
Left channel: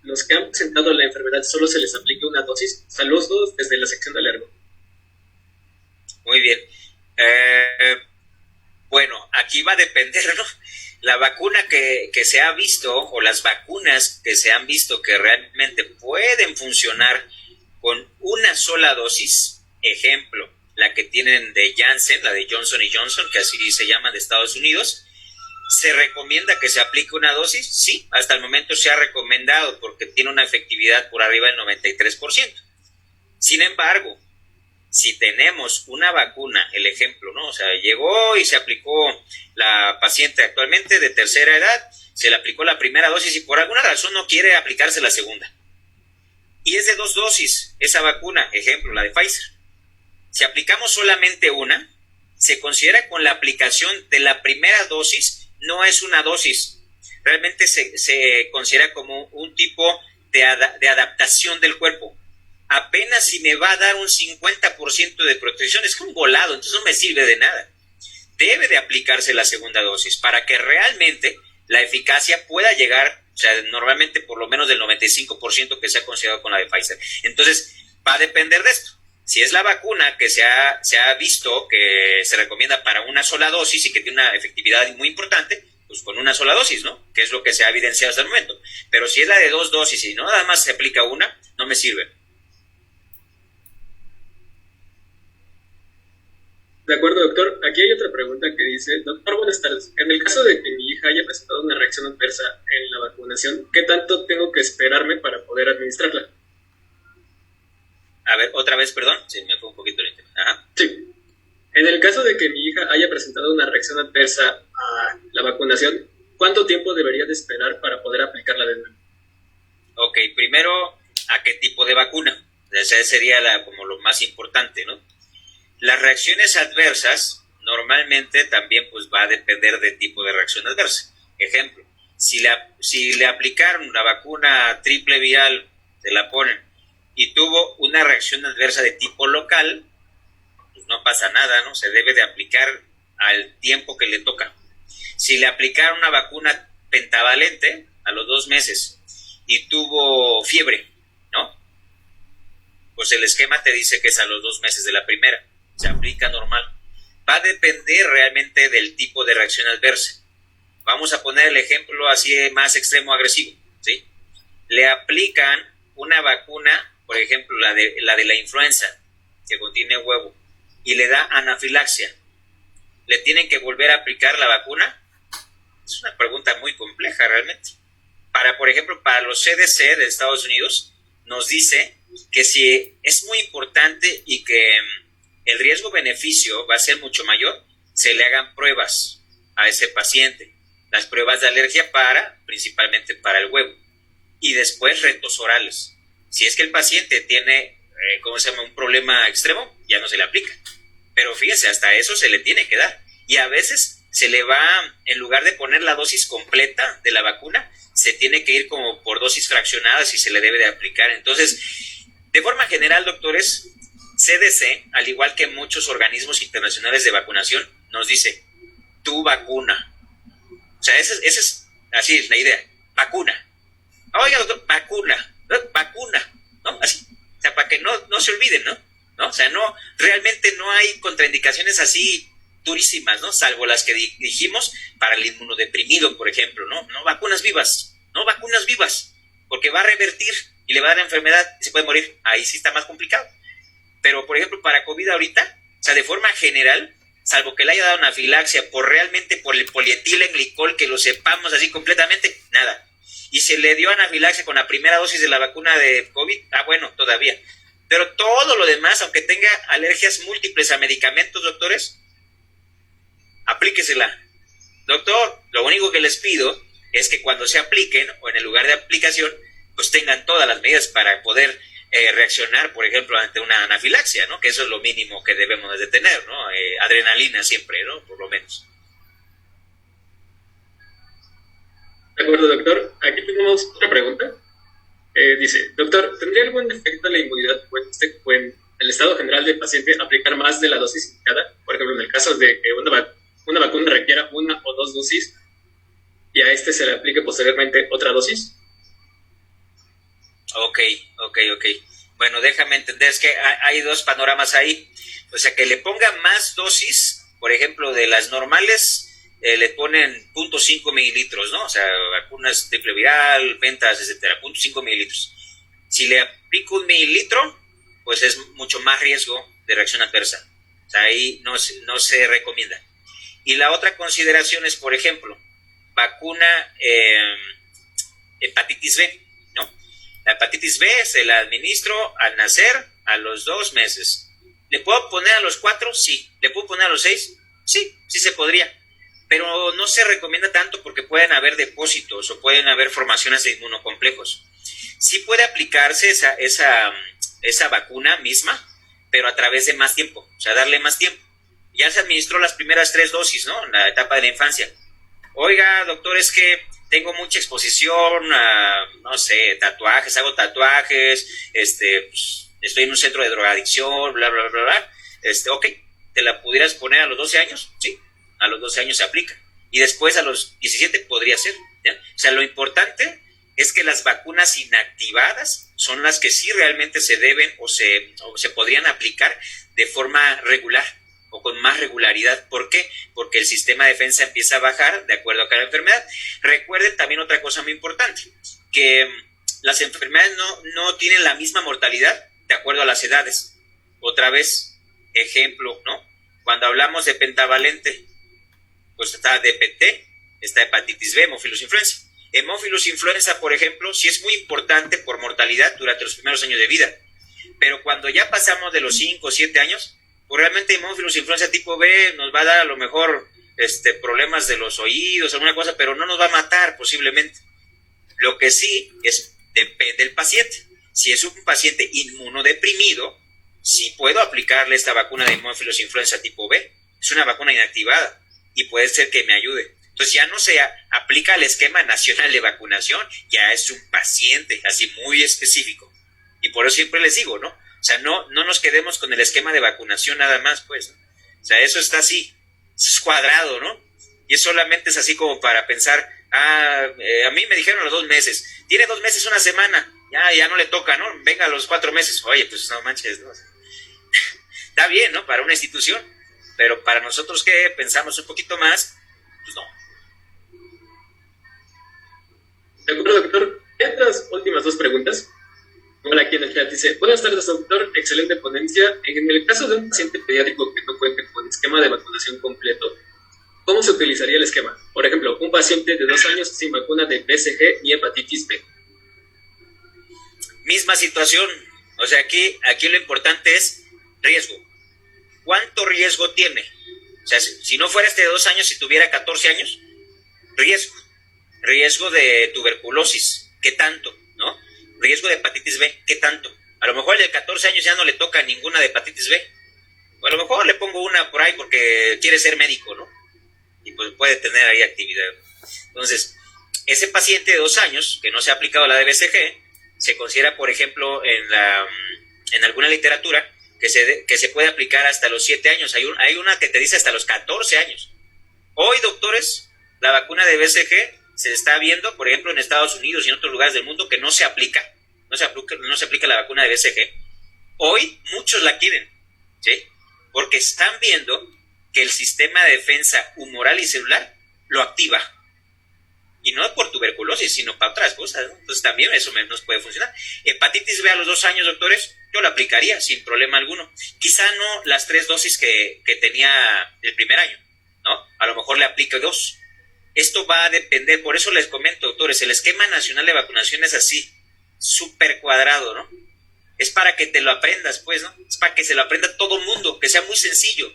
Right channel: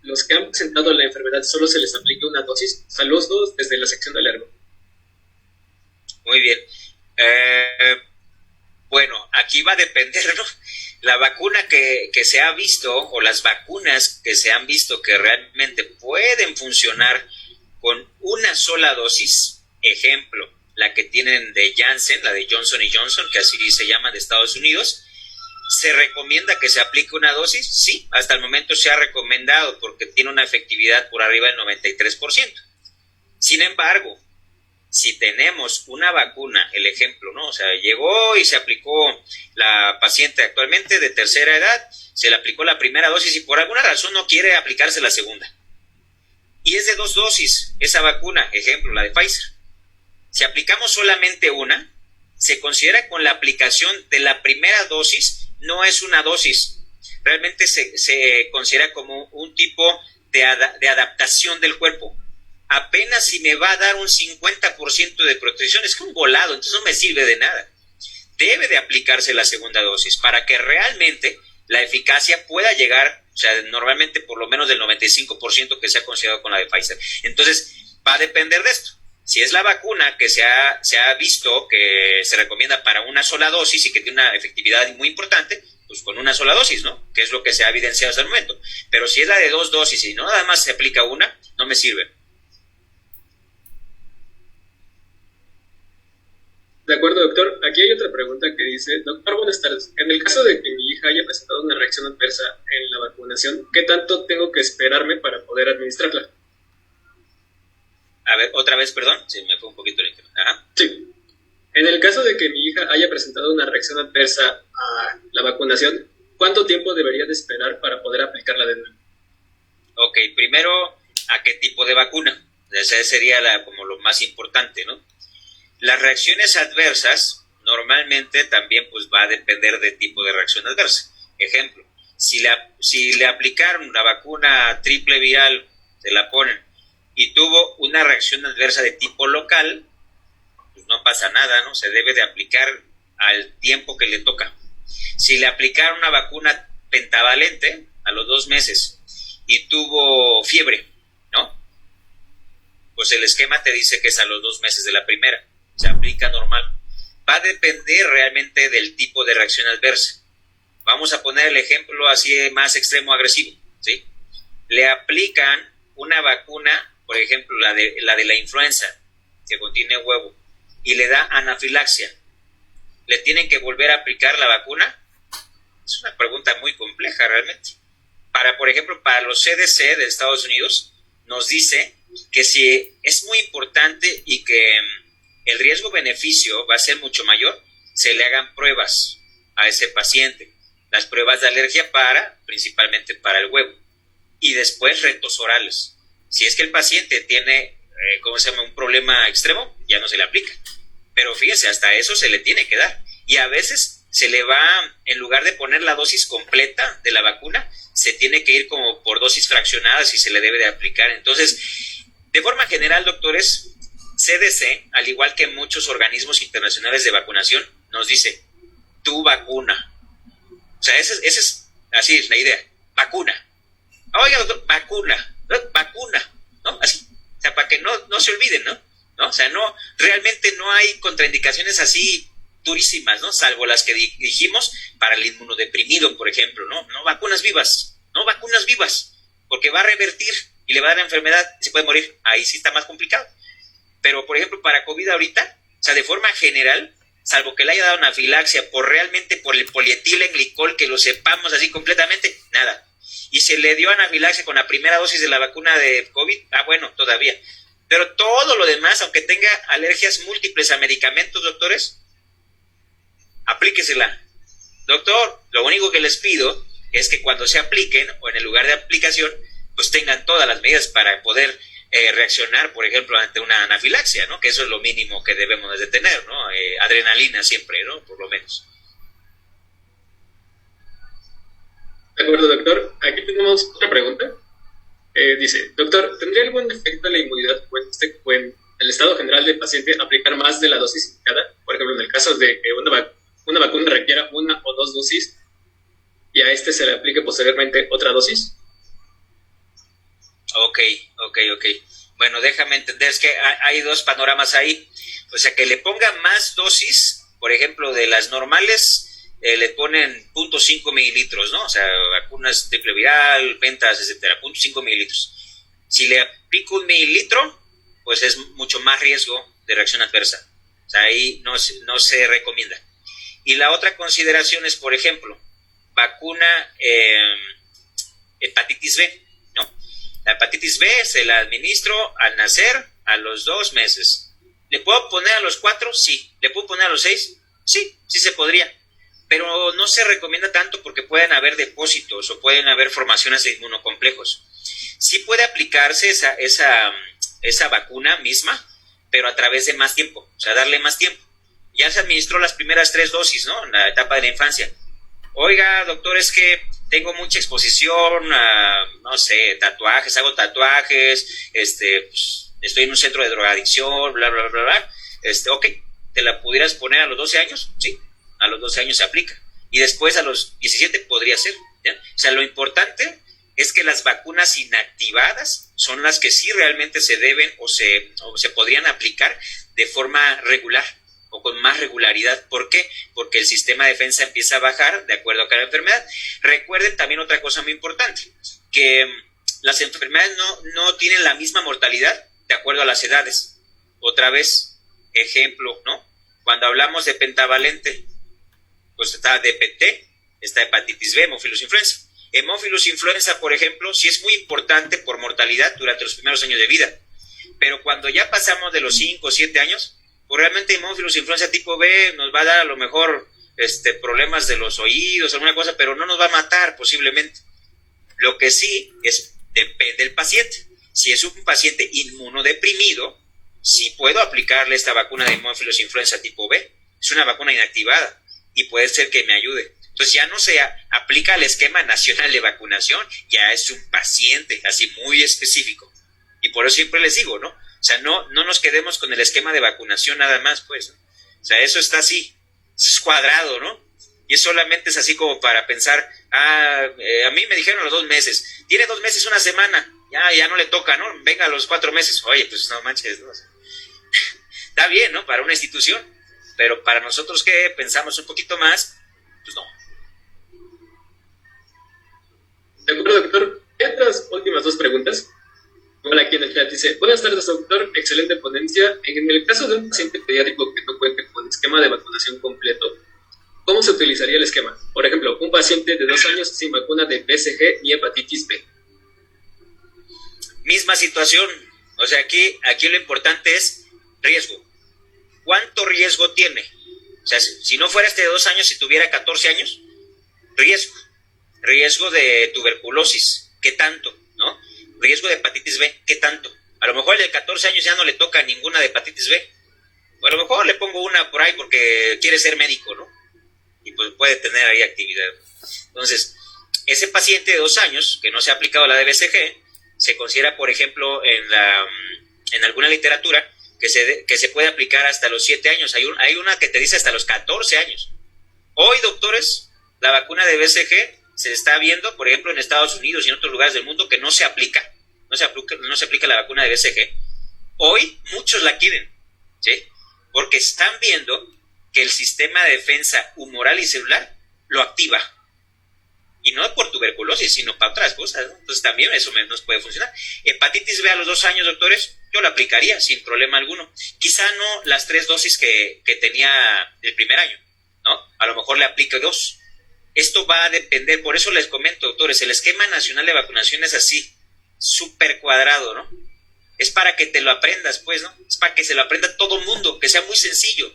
los que han presentado la enfermedad solo se les aplique una dosis? Saludos desde la sección de alergo. Muy bien. Bueno, aquí va a depender, ¿no? La vacuna que se ha visto, o las vacunas que se han visto que realmente pueden funcionar con una sola dosis, ejemplo, la que tienen de Janssen, la de Johnson & Johnson, que así se llama, de Estados Unidos, ¿se recomienda que se aplique una dosis? Sí, hasta el momento se ha recomendado porque tiene una efectividad por arriba del 93%. Sin embargo, si tenemos una vacuna, el ejemplo, ¿no? O sea, llegó y se aplicó la paciente actualmente de tercera edad, se le aplicó la primera dosis y por alguna razón no quiere aplicarse la segunda. Y es de 2 dosis esa vacuna, ejemplo, la de Pfizer. Si aplicamos solamente una, se considera con la aplicación de la primera dosis, no es una dosis. Realmente se considera como un tipo de adaptación del cuerpo. Apenas si me va a dar un 50% de protección, es como un volado, entonces no me sirve de nada. Debe de aplicarse la segunda dosis para que realmente la eficacia pueda llegar, o sea, normalmente por lo menos del 95% que se ha considerado con la de Pfizer. Entonces, va a depender de esto. Si es la vacuna que se ha visto que se recomienda para una sola dosis y que tiene una efectividad muy importante, pues con una sola dosis, ¿no? Que es lo que se ha evidenciado hasta el momento. Pero si es la de 2 dosis y no nada más se aplica una, no me sirve. De acuerdo, doctor. Aquí hay otra pregunta que dice, doctor, buenas tardes. En el caso de que mi hija haya presentado una reacción adversa en la vacunación, ¿qué tanto tengo que esperarme para poder administrarla? A ver, otra vez, perdón, se me fue un poquito el tema. Ajá. Sí. En el caso de que mi hija haya presentado una reacción adversa a la vacunación, ¿cuánto tiempo debería de esperar para poder aplicarla de nuevo? Ok, primero, ¿a qué tipo de vacuna? Esa sería como lo más importante, ¿no? Las reacciones adversas normalmente también pues va a depender del tipo de reacción adversa. Ejemplo, si le aplicaron la vacuna triple viral, se la ponen, y tuvo una reacción adversa de tipo local, pues no pasa nada, ¿no? Se debe de aplicar al tiempo que le toca. Si le aplicaron una vacuna pentavalente a los 2 meses y tuvo fiebre, ¿no? Pues el esquema te dice que es a los 2 meses de la primera. Se aplica normal. Va a depender realmente del tipo de reacción adversa. Vamos a poner el ejemplo así más extremo agresivo, ¿sí? Le aplican una vacuna, por ejemplo, la de la influenza, que contiene huevo, y le da anafilaxia. ¿Le tienen que volver a aplicar la vacuna? Es una pregunta muy compleja realmente. Por ejemplo, para los CDC de Estados Unidos, nos dice que si es muy importante y que el riesgo-beneficio va a ser mucho mayor, se le hagan pruebas a ese paciente. Las pruebas de alergia principalmente para el huevo. Y después retos orales. Si es que el paciente tiene, un problema extremo, ya no se le aplica. Pero fíjese, hasta eso se le tiene que dar. Y a veces se le va, en lugar de poner la dosis completa de la vacuna, se tiene que ir como por dosis fraccionadas y se le debe de aplicar. Entonces, de forma general, doctores, CDC, al igual que muchos organismos internacionales de vacunación, nos dice, tu vacuna. O sea, esa es así es la idea, vacuna. Oiga, doctor, vacuna, ¿no? Así, o sea, para que no se olviden, ¿no? O sea, realmente no hay contraindicaciones así durísimas, ¿no? Salvo las que dijimos para el inmunodeprimido, por ejemplo, ¿no? Vacunas vivas, porque va a revertir y le va a dar la enfermedad y se puede morir. Ahí sí está más complicado. Pero, por ejemplo, para COVID ahorita, o sea, de forma general, salvo que le haya dado anafilaxia por el polietilenglicol, que lo sepamos así completamente, nada. Y se le dio anafilaxia con la primera dosis de la vacuna de COVID, bueno, todavía. Pero todo lo demás, aunque tenga alergias múltiples a medicamentos, doctores, aplíquesela. Doctor, lo único que les pido es que cuando se apliquen, o en el lugar de aplicación, pues tengan todas las medidas para poder reaccionar, por ejemplo, ante una anafilaxia, ¿no? Que eso es lo mínimo que debemos de tener, ¿no? Adrenalina siempre, ¿no? Por lo menos. De acuerdo, doctor. Aquí tenemos otra pregunta. Dice, doctor, ¿tendría algún efecto la inmunidad o en el estado general del paciente aplicar más de la dosis indicada? Por ejemplo, en el caso de que una vacuna requiera 1 o 2 dosis y a se le aplique posteriormente otra dosis. Ok. Bueno, déjame entender, es que hay 2 panoramas ahí. O sea, que le pongan más dosis, por ejemplo, de las normales, le ponen 0.5 mililitros, ¿no? O sea, vacunas triple viral, pentas, etcétera, 0.5 mililitros. Si le aplico 1 mililitro, pues es mucho más riesgo de reacción adversa. O sea, ahí no se recomienda. Y la otra consideración es, por ejemplo, vacuna hepatitis B, ¿no? La hepatitis B se la administro al nacer a los 2 meses. ¿Le puedo poner a los 4? Sí. ¿Le puedo poner a los 6? Sí se podría. Pero no se recomienda tanto porque pueden haber depósitos o pueden haber formaciones de inmunocomplejos. Sí puede aplicarse esa vacuna misma, pero a través de más tiempo, o sea, darle más tiempo. Ya se administró las primeras 3 dosis, ¿no? En la etapa de la infancia. Oiga, doctor, es que tengo mucha exposición a, no sé, tatuajes, hago tatuajes, pues, estoy en un centro de drogadicción, bla, bla, bla, bla. Ok, ¿te la pudieras poner a los 12 años? Sí. A los 12 años se aplica. Y después a los 17 podría ser, ¿ya? O sea, lo importante es que las vacunas inactivadas son las que sí realmente se deben o se podrían aplicar de forma regular o con más regularidad. ¿Por qué? Porque el sistema de defensa empieza a bajar de acuerdo a cada enfermedad. Recuerden también otra cosa muy importante, que las enfermedades no tienen la misma mortalidad de acuerdo a las edades. Otra vez, ejemplo, ¿no? Cuando hablamos de pentavalente, pues está DPT, está hepatitis B, hemófilos influenza. Hemófilos influenza, por ejemplo, sí es muy importante por mortalidad durante los primeros años de vida, Pero cuando ya pasamos de los 5 o 7 años, pues realmente hemófilos influenza tipo B nos va a dar a lo mejor problemas de los oídos, alguna cosa, pero no nos va a matar posiblemente. Lo que sí depende del paciente. Si es un paciente inmunodeprimido, sí puedo aplicarle esta vacuna de hemófilos influenza tipo B. Es una vacuna inactivada y puede ser que me ayude. Entonces ya no se aplica el esquema nacional de vacunación, ya es un paciente así muy específico. Y por eso siempre les digo, ¿no? O sea, no nos quedemos con el esquema de vacunación nada más, pues, ¿no? O sea, eso está así, es cuadrado, ¿no? Y es solamente es así como para pensar, a mí me dijeron a los 2 meses, tiene 2 meses, una semana, ya no le toca, ¿no? Venga a los 4 meses, oye, pues no manches, ¿no? Está bien, ¿no? Para una institución, pero para nosotros que pensamos un poquito más, pues no. De acuerdo, doctor. Y otras últimas 2 preguntas. Hola, aquí en el chat dice: buenas tardes, doctor, excelente ponencia. En el caso de un paciente pediátrico que no cuente con esquema de vacunación completo, ¿cómo se utilizaría el esquema? Por ejemplo, un paciente de 2 años sin vacuna de BCG ni hepatitis B. Misma situación. O sea, aquí lo importante es riesgo. ¿Cuánto riesgo tiene? O sea, si no fuera de 2 años, si tuviera 14 años, riesgo de tuberculosis, ¿qué tanto? ¿No? Riesgo de hepatitis B, ¿qué tanto? A lo mejor el de 14 años ya no le toca ninguna de hepatitis B, o a lo mejor le pongo una por ahí porque quiere ser médico, ¿no? Y pues puede tener ahí actividad. Entonces, ese paciente de 2 años que no se ha aplicado la de BCG, se considera, por ejemplo, en alguna literatura, que se puede aplicar hasta los 7 años. Hay una que te dice hasta los 14 años. Hoy, doctores, la vacuna de BCG se está viendo, por ejemplo, en Estados Unidos y en otros lugares del mundo, que no se aplica la vacuna de BCG. Hoy muchos la quieren, ¿sí? Porque están viendo que el sistema de defensa humoral y celular lo activa. Y no por tuberculosis, sino para otras cosas, ¿no? Entonces también eso nos puede funcionar. Hepatitis B a los 2 años, doctores, yo la aplicaría sin problema alguno. Quizá no las 3 dosis que tenía el primer año, ¿no? A lo mejor le aplico 2. Esto va a depender, por eso les comento, doctores, el esquema nacional de vacunación es así, súper cuadrado, ¿no? Es para que te lo aprendas, pues, ¿no? Es para que se lo aprenda todo el mundo, que sea muy sencillo.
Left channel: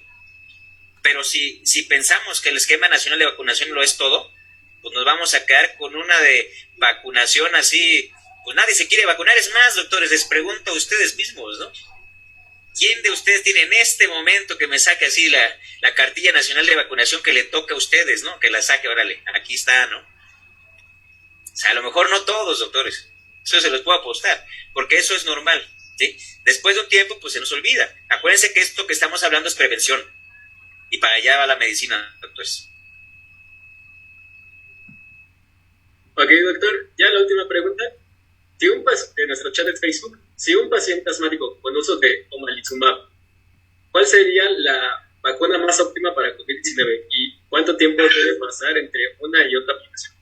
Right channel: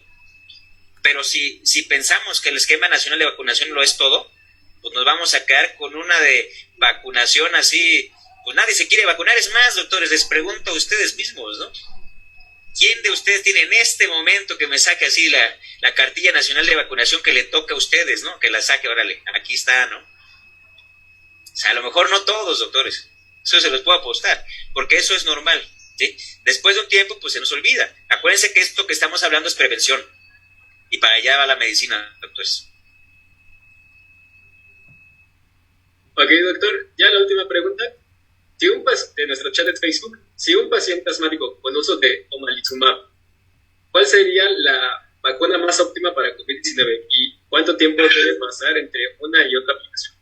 Pero si pensamos que el esquema nacional de vacunación lo es todo, pues nos vamos a quedar con una de vacunación así, pues nadie se quiere vacunar. Es más, doctores, les pregunto a ustedes mismos, ¿no? ¿Quién de ustedes tiene en este momento que me saque así la cartilla nacional de vacunación que le toca a ustedes, ¿no? Que la saque, órale, aquí está, ¿no? O sea, a lo mejor no todos, doctores. Eso se los puedo apostar, porque eso es normal, ¿sí? Después de un tiempo, pues se nos olvida. Acuérdense que esto que estamos hablando es prevención. Y para allá va la medicina, doctores. Ok, doctor, ya la última pregunta. De nuestro chat de Facebook, si un paciente asmático con uso de omalizumab, ¿cuál sería la vacuna más óptima para COVID-19 y cuánto tiempo debe pasar entre una y otra aplicación?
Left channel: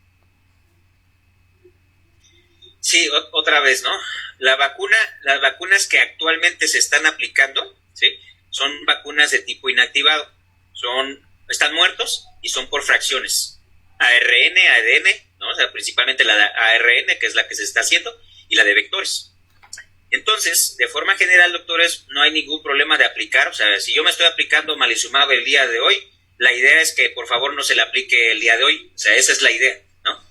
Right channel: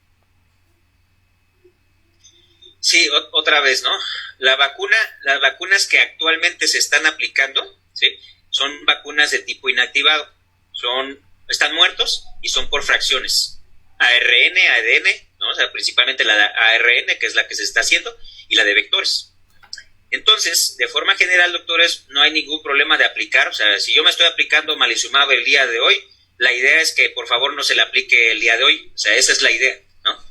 Sí, otra vez, ¿no? Las vacunas que actualmente se están aplicando, ¿sí? Son vacunas de tipo inactivado. Están muertos y son por fracciones. ARN, ADN, ¿no? O sea, principalmente la de ARN, que es la que se está haciendo, y la de vectores. Entonces, de forma general, doctores, no hay ningún problema de aplicar. O sea, si yo me estoy aplicando omalizumab el día de hoy, la idea es que por favor no se le aplique el día de hoy. O sea, esa es la idea, ¿no?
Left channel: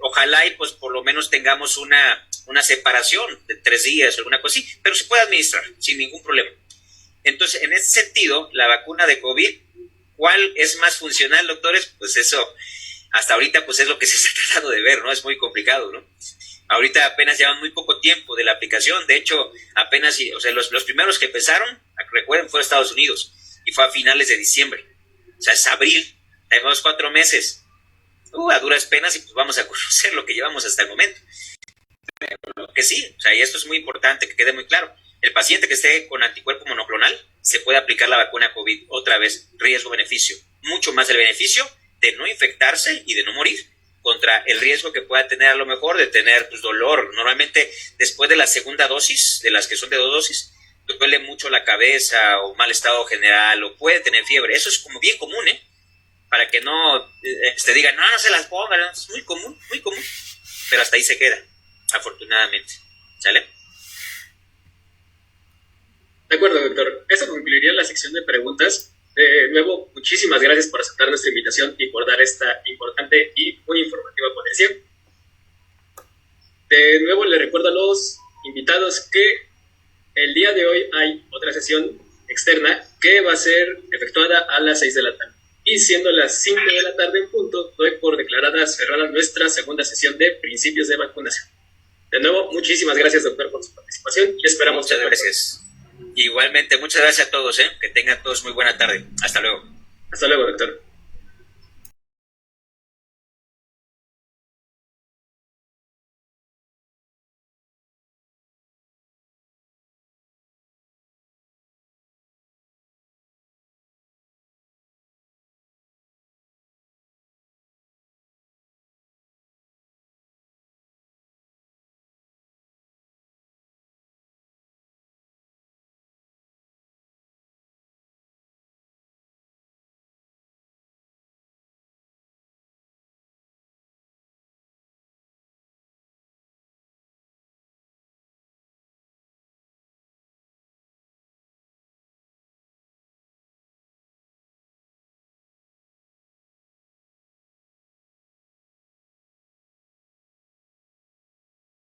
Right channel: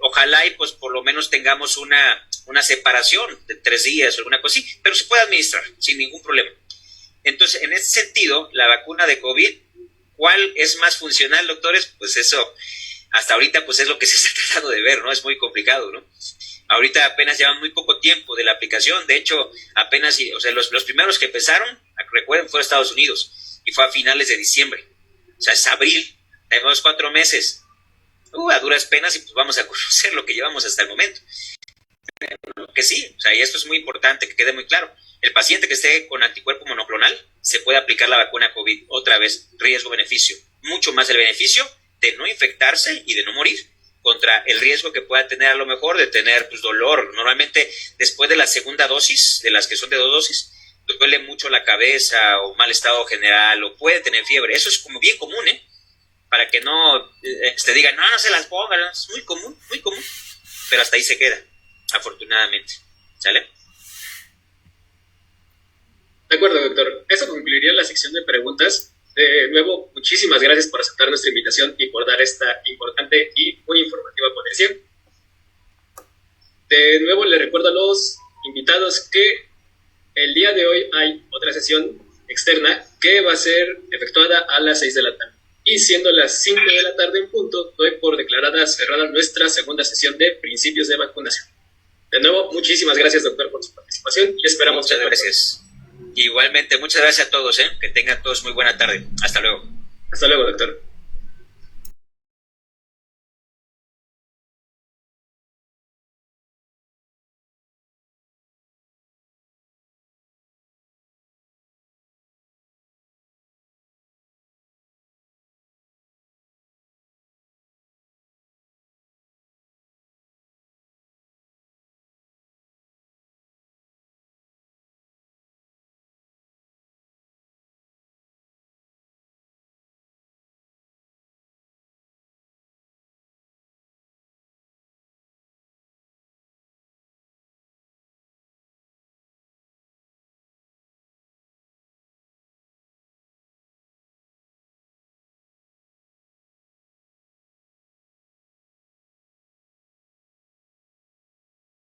Ojalá y pues por lo menos tengamos una separación de 3 días o alguna cosa así, pero se puede administrar sin ningún problema. Entonces, en ese sentido, la vacuna de COVID, ¿cuál es más funcional, doctores? Pues eso, hasta ahorita pues es lo que se está tratando de ver, ¿no? Es muy complicado, ¿no? Ahorita apenas llevan muy poco tiempo de la aplicación. De hecho, apenas, o sea, los primeros que empezaron, recuerden, fue a Estados Unidos y fue a finales de diciembre. O sea, es abril, tenemos 4 meses. A duras penas y pues vamos a conocer lo que llevamos hasta el momento. Pero que sí, o sea, y esto es muy importante que quede muy claro. El paciente que esté con anticuerpo monoclonal se puede aplicar la vacuna COVID otra vez, riesgo-beneficio. Mucho más el beneficio de no infectarse y de no morir contra el riesgo que pueda tener a lo mejor de tener pues, dolor. Normalmente después de la segunda dosis, de las que son de 2 dosis, duele mucho la cabeza o mal estado general o puede tener fiebre. Eso es como bien común, para que no te digan, no se las pongan, es muy común, pero hasta ahí se queda, afortunadamente, ¿sale? De acuerdo, doctor. Eso concluiría la sección de preguntas. De nuevo, muchísimas gracias por aceptar nuestra invitación y por dar esta importante y muy informativa ponencia. De nuevo, le recuerdo a los invitados que el día de hoy hay otra sesión externa que va a ser efectuada a las 6 de la tarde. Y siendo las 5 de la tarde en punto, doy por declarada cerrada nuestra segunda sesión de principios de vacunación. De nuevo, muchísimas gracias, doctor, por su participación y esperamos... Muchas gracias. Igualmente, muchas gracias a todos, que tengan todos muy buena tarde. Hasta luego. Hasta luego, doctor.